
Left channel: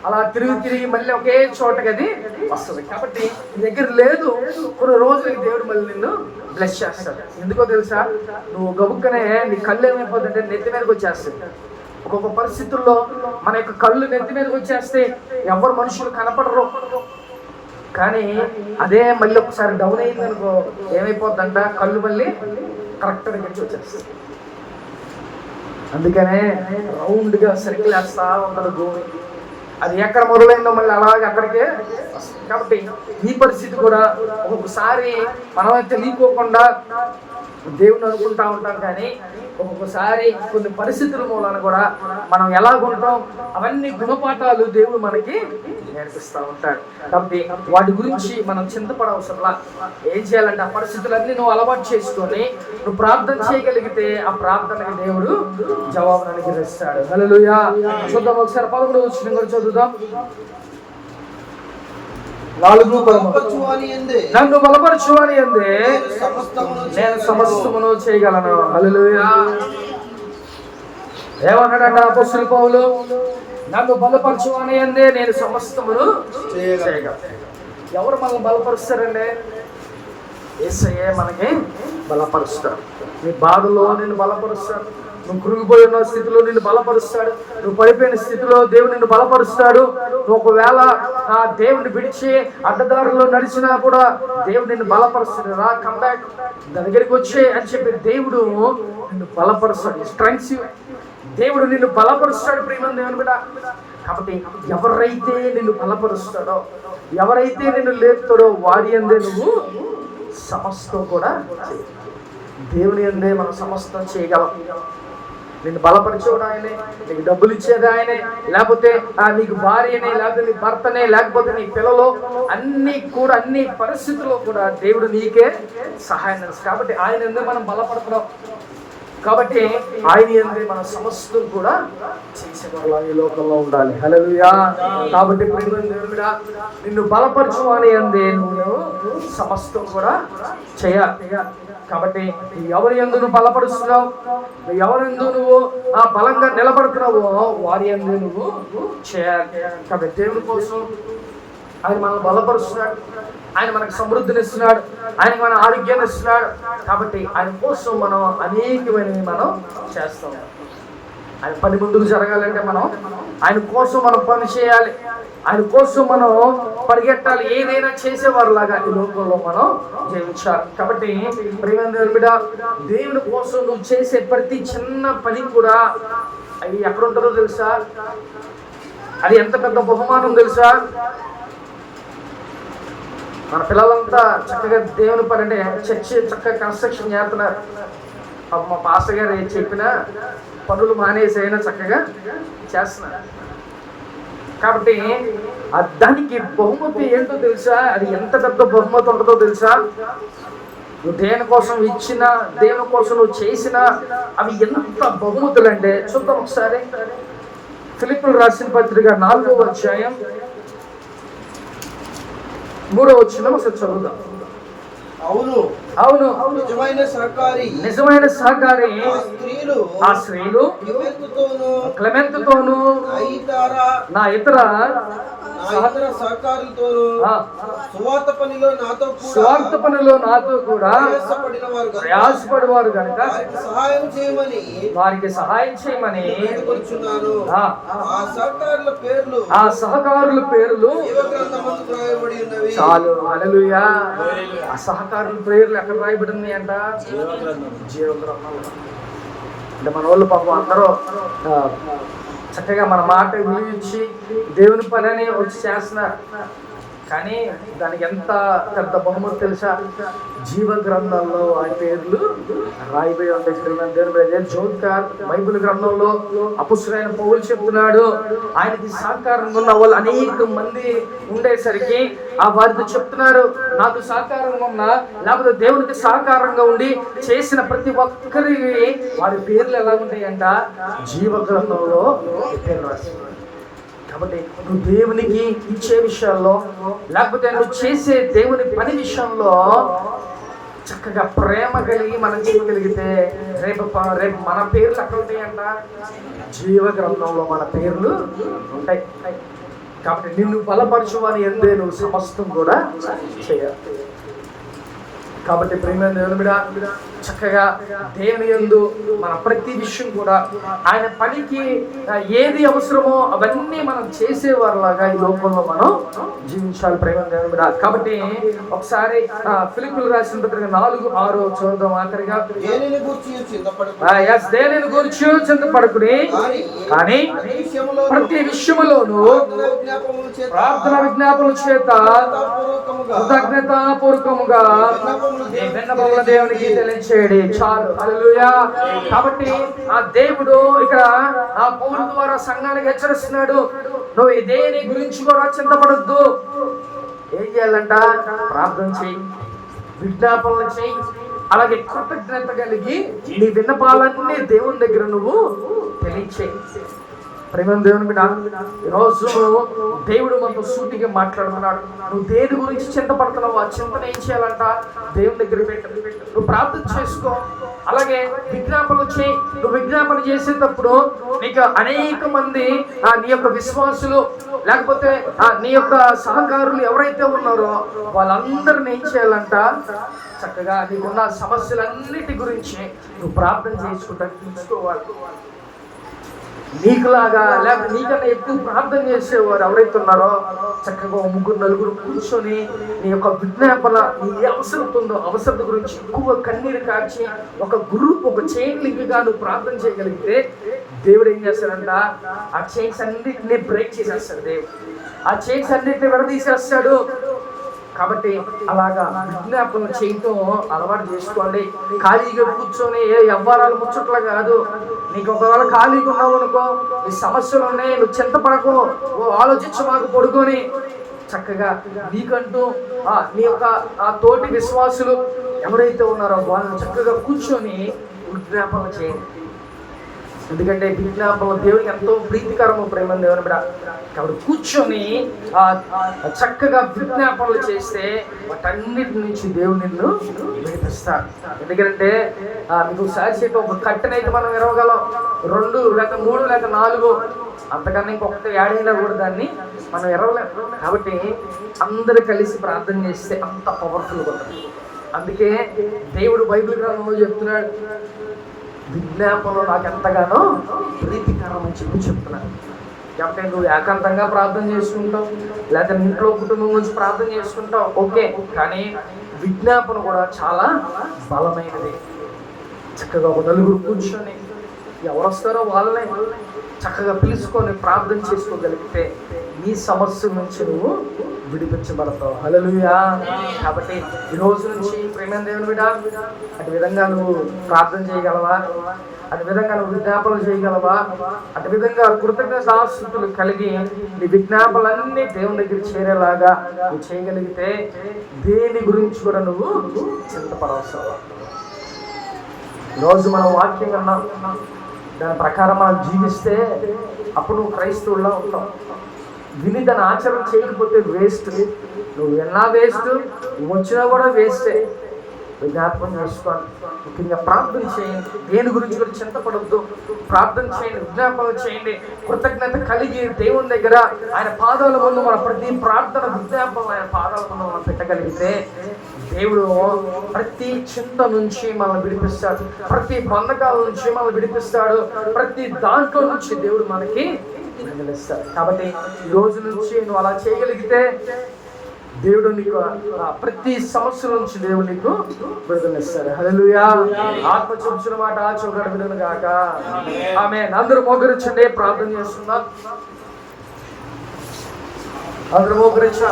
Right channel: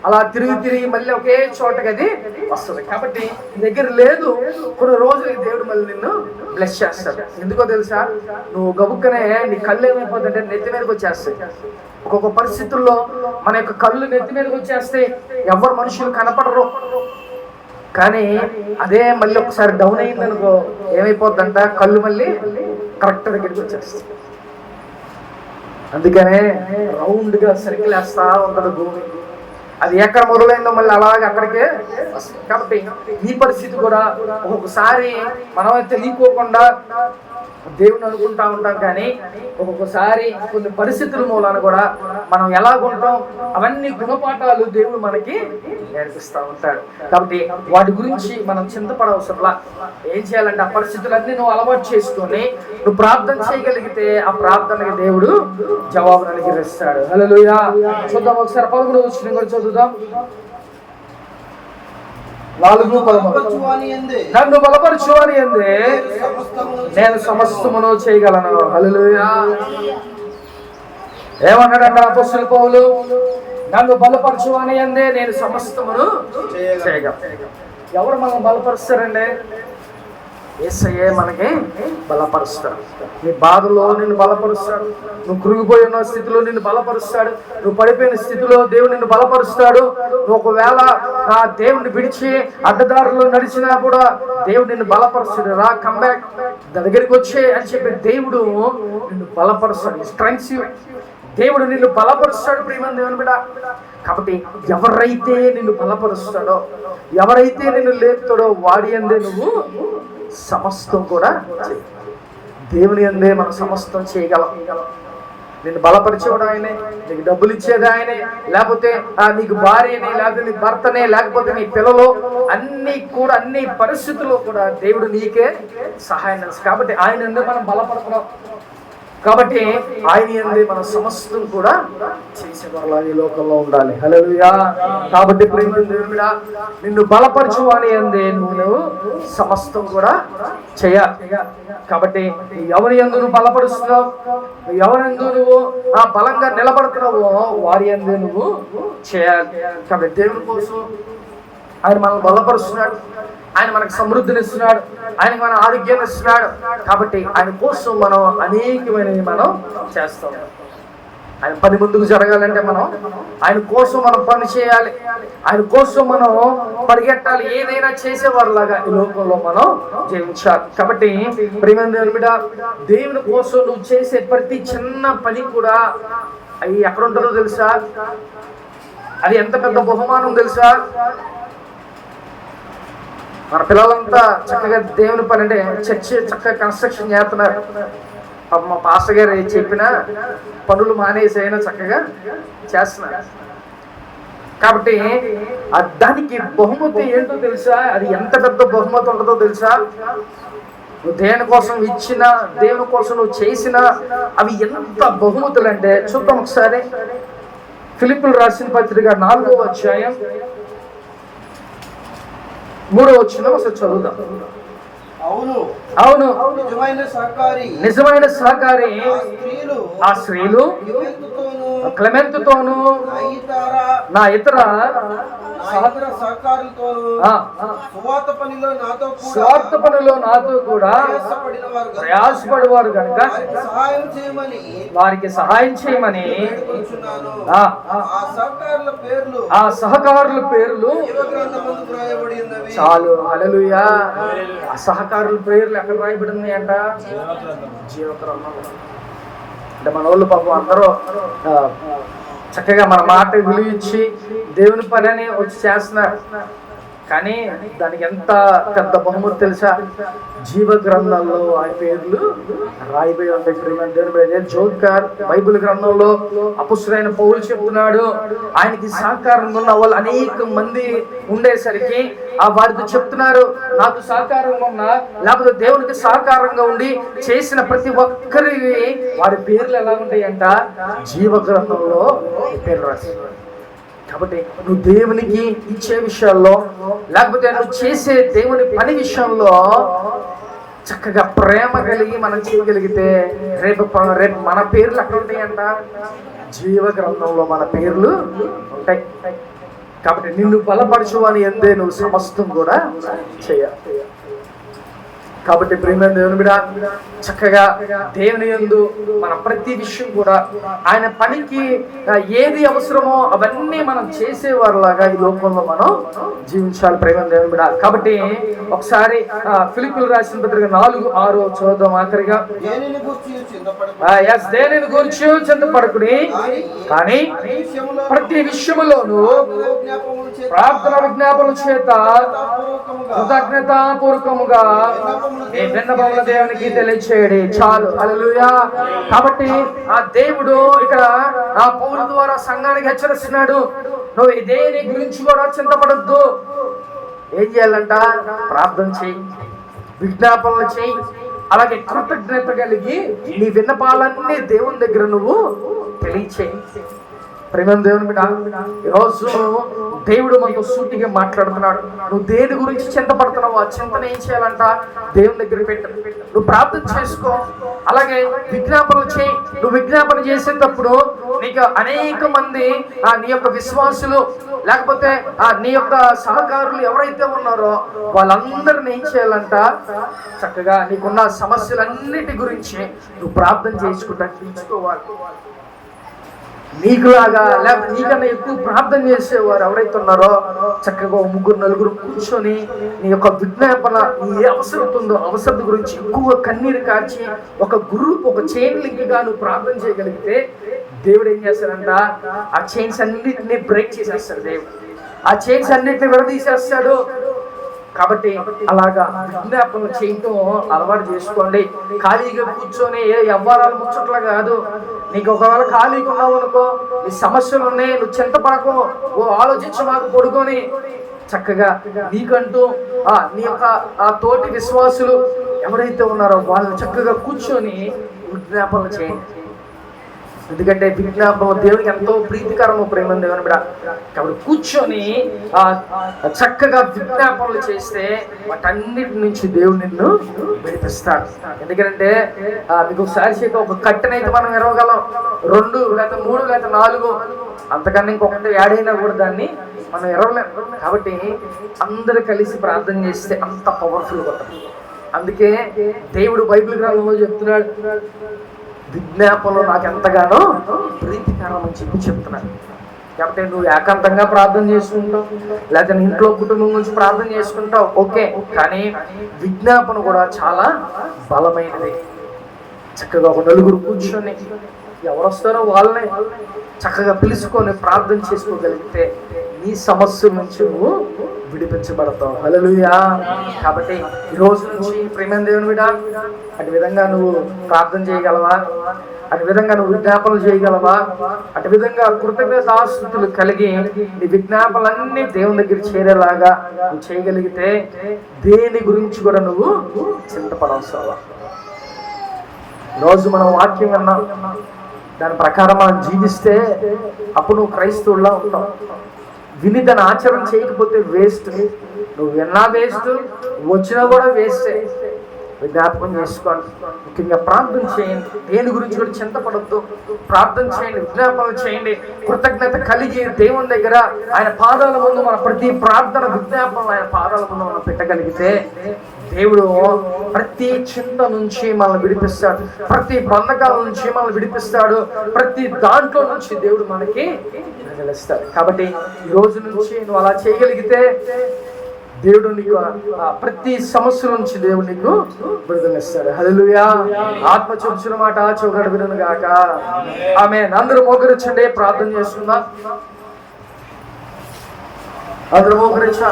అలా తిరిగి మళ్ళీ ఒకే చోటకి అది వస్తుంది. కాబట్టి నీ దగ్గర లేదు, కొన్ని రోజులకి దేవుడు మళ్ళీ నిన్ను బ్లెస్ చేస్తాడు. ఎందుకో తెలుసా, నువ్వు గబుక్కనే నీ కళ్ళు ఏమైపోతుందంటే నెత్తి మీదకి వచ్చేస్తాయి. ఒక్కొక్క పరిస్థితుల్లో మన యొక్క కళ్ళు నెత్తి మీదకి వచ్చేస్తే ఎవరు మనుషులు కనపడరు. కానీ అదే మళ్ళీ ఒకసారి డౌన్ అయిందనుకో ఏమైపోద్దంట, కళ్ళు మళ్ళీ కరెక్ట్ దగ్గరికి వచ్చేస్తాయి. అందుకనే రౌండ్ గా సర్కిల్ వేస్తా ఉంటారు భూమి. అది ఎక్కడ మొదలైందో మళ్ళీ అలాగే అక్కడికే. కాబట్టి ఈ పరిస్థితి కూడా ఒక్కొక్కసారి మనం తెలియకోకుండా దేవుని అనుకుంటా ఉంటాం, కానీ ఒక్కొక్కసారి కొన్ని పరిస్థితుల మూలాన కూడా మనం ఎలా ఉంటాం, అవన్నీ గుణపాఠాలు దేవుడు మనకి నేర్పిస్తూ ఉంటాడు. కాబట్టి వాటి గురించి మనం చింతపడవసరంలా. ఏం చేయాలంటే ఆ పరిస్థితులన్నీ నువ్వు అలవాటు చేసుకొని నువ్వు ప్రార్థన చేయగలిగితే ఆ ప్రార్థనకి దేవుడు జవాబును అనుగ్రహిస్తాడు. హల్లెలూయా. చూద్దాం ఒకసారి 11వ వచనం కూడా చదువుదాం. నన్ను బలపరచు అని అందే నేను సమస్తమును చేయగలను. హల్లెలూయా. ఏమన్నాడంట అపోస్తలుడు పౌలు? నన్ను బలపరచు అని అందే నేను సమస్తమును చేయగలను. ఎవరు మనం బలపరుస్తారండి? యేసయ్యే మనకి బలపరుస్తాడు. నీ బాధలో నిన్ను బలపరుస్తాడు, నువ్వు కృంగిపోయిన స్థితిలో నిన్ను బలపరుస్తాడు, నువ్వు పడిపోయిన స్థితిలో దేవుడు నిన్ను బలపరుస్తాడు. నువ్వు ఒకవేళ ఆ దేవుడిని విడిచి అడ్డదారుల్లో నడిచినా కూడా దేవుడు నిన్ను బలపరుస్తాడు. రా, కమ్ బ్యాక్, దగ్గరికి వచ్చే అని చెప్పి దేవుడు నిన్ను బలపరుస్తాడు. స్ట్రెంగ్స్ దేవుడు నిన్ను బలపరుస్తాడు. ప్రియమైన దేవుని బిడ్డ, కాబట్టి ఎవరైతే నిన్ను బలపరుస్తాడో, ఎవరైతే నిన్ను లేపుతాడో వాడి అందే నువ్వు సమస్తం కూడా దేవుని అందే మనం సమస్తం చేయగలం. నిన్ను బలపరిచేవాడు ఆయనే, నీకు డబ్బులు ఇచ్చేది ఆయనే, లేకపోతే నీకు భార్యనే, లేకపోతే నీ భర్తనే, లేకపోతే నీ పిల్లలు, అన్ని పరిస్థితుల్లో కూడా దేవుడు నీకే సహాయం చేస్తాడు. కాబట్టి ఆయన మనం బలపడుతున్నాం. కాబట్టి ఆయన యందే మనం సమస్తం కూడా చేసేవాళ్ళ ఈ లోకంలో ఉండాలి. హల్లెలూయా. కాబట్టి ప్రియమైన దేవుడా, నిన్ను బలపరచువాని యందే నువ్వు సమస్తం కూడా చేయాలి. కాబట్టి ఎవరి యందు నువ్వు బలపరుస్తున్నావు, ఎవరందు నువ్వు బలంగా నిలబడుతున్నావో వారి యందే నువ్వు చేయాలి. కాబట్టి దేవుని కోసం ఆయన మనం బలపరుస్తున్నాడు, ఆయన మనకు సమృద్ధిని ఇస్తున్నాడు, ఆయన మన ఆరోగ్యాన్ని ఇస్తున్నాడు. కాబట్టి ఆయన కోసం మనం అనేకమైనవి మనం చేస్తాం. ఆయన పని ముందుకు జరగాలంటే ఆయన కోసం మనం పని చేయాలి, ఆయన కోసం మనం పరిగెట్టాలి, ఏదైనా చేసేవారిలాగా ఈ లోకంలో మనం జీవించాలి. కాబట్టి ప్రియమైన దేవుని బిడ్డ, దేవుని కోసం నువ్వు చేసే ప్రతి చిన్న పని కూడా అవి ఎక్కడ ఉంటారో తెలుసా? అది ఎంత పెద్ద బహుమానం తెలుసా? మన పిల్లలంతా చక్కగా దేవుని పని అంటే చర్చి చక్కగా కన్స్ట్రక్షన్ చేస్తున్నారు. మా పాస్టర్ గారు చెప్పిన పనులు మానేసి అయినా చక్కగా చేస్తున్నారు. కాబట్టి దానికి బహుమతి ఏంటో తెలుసా? అది ఎంత పెద్ద బహుమతి ఉంటుందో తెలుసా? నువ్వు దేవుని కోసం ఇచ్చిన, దేవుని కోసం నువ్వు చేసిన అవి ఎంత బహుమతులు అంటే చూద్దాం ఒకసారి. ఫిలిప్పీయులకు రాసిన పత్రిక 4వ అధ్యాయం 3వ వచనం ఒకసారి చదువుదాం. అవును నిజమైన సహకారి ఆ స్త్రీలు క్లెమెంతుతోను నా ఇతర స్వార్థ పనిలో నాతో కూడా ప్రయాసపడేవారు కనుక వారికి సహాయం చేయమని ఆ సహకారుల పేర్లు చాలు. హల్లెలూయా. ఆ సహకారుల పేర్లు ఎక్కడ రాయబడింది అంట? జీవగ్రంథంలో. అంటే మన వాళ్ళు పాపం అందరూ చక్కగా మన మాట విలువ ఇచ్చి దేవుని పనిని వచ్చి చేస్తున్నారు. కానీ దానికి ఎంత పెద్ద బహుమతి తెలుసా? జీవ గ్రంథంలో ఆ పేర్లు రాయిపోయి ఉంటాయి. జోకర్ బైబిల్ గ్రంథంలో అపుస్తలుడైన పౌలు చెప్తున్నాడు, ఆయనకి సహకారంగా ఉన్న వాళ్ళు అనేక మంది ఉండేసరికి వారితో చెప్తున్నారు, నాకు సహకారంగా ఉన్నా లేకపోతే దేవునికి సహకారంగా ఉండి చేసిన ప్రతి ఒక్కరి వారి పేర్లు ఎలా ఉంటాయంట? జీవ గ్రంథంలో పేర్లు రాస్తున్నారు. కాబట్టి నువ్వు దేవునికి ఇచ్చే విషయాల్లో, లేకపోతే నువ్వు చేసే దేవుని పని విషయంలో చక్కగా ప్రేమ కలిగి మనం చేయగలిగితే రేపు మన పేర్లు ఎక్కడ ఉంటాయంట? జీవ గ్రంథంలో మన పేర్లు ఉంటాయి. కాబట్టి నిన్ను బలపరచువని యందే నువ్వు సమస్తం కూడా చేయాలి. కాబట్టి ప్రియమైన దేవుని బిడ్డ, చక్కగా దేవుని యందు మన ప్రతి విషయం కూడా ఆయన పనికి ఏది అవసరమో అవన్నీ మనం చేసేవారిలాగా ఈ లోకంలో మనం జీవించాలి. ప్రియమైన దేవుని బిడ్డ. కాబట్టి ఒకసారి ఫిలిప్పీయులకు రాసిన పత్రిక 4:6 చదువుదాం ఆఖరిగా. దేనిని గురించి చింతపడకుడి, కానీ ప్రతి విషయములోనూ ప్రార్థన విజ్ఞాపన చేత కృతజ్ఞతాపూర్వకముగా దేవునికి తెలియచేయడి చాలు. హల్లెలూయా. కాబట్టి ఆ దేవుడు ఇక్కడ ఆ పౌలు ద్వారా సంఘానికి హెచ్చరిస్తున్నాడు, నువ్వు దేని గురించి కూడా చింతపడద్దు. ఏం చేయాలంట? ప్రార్థన చేయి, విజ్ఞాపనలు చేయి, అలాగే కృతజ్ఞత కలిగి నీ విన్నపాలన్నీ దేవుని దగ్గర నువ్వు తెలియచేయి. ప్రేమ దేవుని బిడ్డ, ఈరోజు దేవుడు మనతో సూటిగా మాట్లాడుతున్నాడు. నువ్వు దేని గురించి చింతపడుతున్నావు, ఆ చింతన ఏం చేయాలంట? దేవుని దగ్గర పెట్టు. నువ్వు ప్రార్థన చేసుకో, అలాగే విజ్ఞాపనలు చేయి. నువ్వు విజ్ఞాపన చేసేటప్పుడు నీకు అనేక మంది నీ యొక్క విశ్వాసులు, లేకపోతే నీ యొక్క సహకారులు ఎవరైతే ఉన్నారో వాళ్ళందరిని ఏం చేయాలంట? చక్కగా నీకున్న సమస్యలన్నిటి గురించి నువ్వు ప్రార్థన చేసుకుంటా తీసుకోవాలి. నీకులాగా లేకపోతే నీకన్నా ఎక్కువ ప్రార్థన చేసేవారు ఎవరైతే ఉన్నారో చక్కగా 3-4 కూర్చొని నీ యొక్క విజ్ఞాపన, నీ ఏ అవసరం ఉందో అవసరం గురించి ఎక్కువ కన్నీరు కాచి ఒక గ్రూప్, ఒక చైన్ లింక్ గా నువ్వు ప్రార్థన చేయగలిగితే దేవుడు ఏం చేస్తాడంట? ఆ చైన్స్ అన్నిటిని బ్రేక్ చేసేస్తాడు. దేవుడు ఆ చైన్స్ అన్నిటిని విడదీసేస్తాడు. కాబట్టి అలాగా విజ్ఞాపన చేయటం అలవాటు చేసుకోండి. ఖాళీగా కూర్చొని ఏ వ్యవహారాలు ముచ్చట్లు కాదు. నీకు ఒకవేళ ఖాళీగా ఉన్నావు అనుకో, ఈ సమస్యలు ఉన్నాయి, నువ్వు చింతపడకు, ఆలోచించు, మాకు పడుకొని చక్కగా నీకంటూ నీ యొక్క ఆ తోటి విశ్వాసులు ఎవరైతే ఉన్నారో వాళ్ళు చక్కగా కూర్చొని విజ్ఞాపన చేయండి. ఎందుకంటే విజ్ఞాపన దేవునికి ఎంతో ప్రీతికరము, ప్రేమ దేవుని బిడ్డ. కాబట్టి కూర్చొని చక్కగా విజ్ఞాపనలు చేస్తే వాటన్నిటి నుంచి దేవుడు నిన్ను విడిపిస్తాడు. ఎందుకంటే మీకు ఒకసారి చెప్పి, ఒక కట్టెనైతే మనం ఎరవగలం, 2 లేదా 3 లేదా 4, అంతకన్నా ఇంకొకటి యాడ్ అయినా కూడా దాన్ని మనం ఎరవలేము. కాబట్టి అందరు కలిసి ప్రార్థన చేస్తే అంత పవర్ఫుల్గా ఉంటుంది. అందుకే దేవుడు బైబిల్ గ్రంథంలో చెప్తున్నాడు, విజ్ఞాపనలు నాకు ఎంతగానో ప్రీతికరం అని చెప్తున్నాడు. కాబట్టి నువ్వు ఏకాంతంగా ప్రార్థన చేసుకుంటావు, లేదా ఇంట్లో కుటుంబం గురించి ప్రార్థన చేసుకుంటావు, ఓకే. కానీ విజ్ఞాపన కూడా చాలా బలమైనది. చక్కగా ఒక 4 కూర్చొని ఎవరు వస్తారో వాళ్ళని చక్కగా పిలుచుకొని ప్రార్థన చేసుకోగలిగితే నీ సమస్య నుంచి నువ్వు విడిపించబడతావు. హల్లెలూయా. కాబట్టి ఈ రోజు నుంచి ప్రేమ దేవుని బిడ్డ, అటు విధంగా నువ్వు ప్రార్థన చేయగలవా? అటు విధంగా నువ్వు విజ్ఞాపనలు చేయగలవా? అటు విధంగా కృతజ్ఞతాస్తుతులు కలిగి నీ విజ్ఞాపనలన్నీ దేవుని దగ్గర చేరేలాగా నువ్వు చేయగలిగితే దేని గురించి కూడా నువ్వు చింతపడవసరం. ఈరోజు మనం వాక్యం విన్నాం, దాని ప్రకారం మనం జీవిస్తే అప్పుడు నువ్వు క్రైస్తవుల్లో ఉంటావు. విని దాన్ని ఆచరణ చేయకపోతే వేస్ట్. నువ్వు విన్నా వేస్ట్, వచ్చినా కూడా వేస్టే. జ్ఞాపకం చేసుకోండి. ముఖ్యంగా ప్రార్థన చేయండి. దేని గురించి కూడా చింతపడద్దు. ప్రార్థన చేయండి, విజ్ఞాపనలు చేయండి. కృతజ్ఞత కలిగి దేవుని దగ్గర ఆయన పాదాల ముందు మన ప్రతి ప్రార్థన విజ్ఞాపనం ఆయన పాదాల ముందు మనం పెట్టగలిగితే దేవుడు ప్రతి చింత నుంచి మనల్ని విడిపిస్తాడు, ప్రతి బంధకాల నుంచి మనల్ని విడిపిస్తాడు, ప్రతి దాంట్లో నుంచి దేవుడు మనకి విడుదలిస్తాడు. కాబట్టి ఈ రోజు నుంచి నువ్వు అలా చేయగలిగితే దేవుడు నీకు ప్రతి సమస్య నుంచి దేవుడు నీకు విడుదలిస్తాడు. హల్లెలూయా. ఆత్మ చూచిన మాట చోకడ వినును గాక. ఆమేన్. అందరూ మోకరించండి, ప్రార్థన చేస్తున్నాం. అందరూ మోకరించా.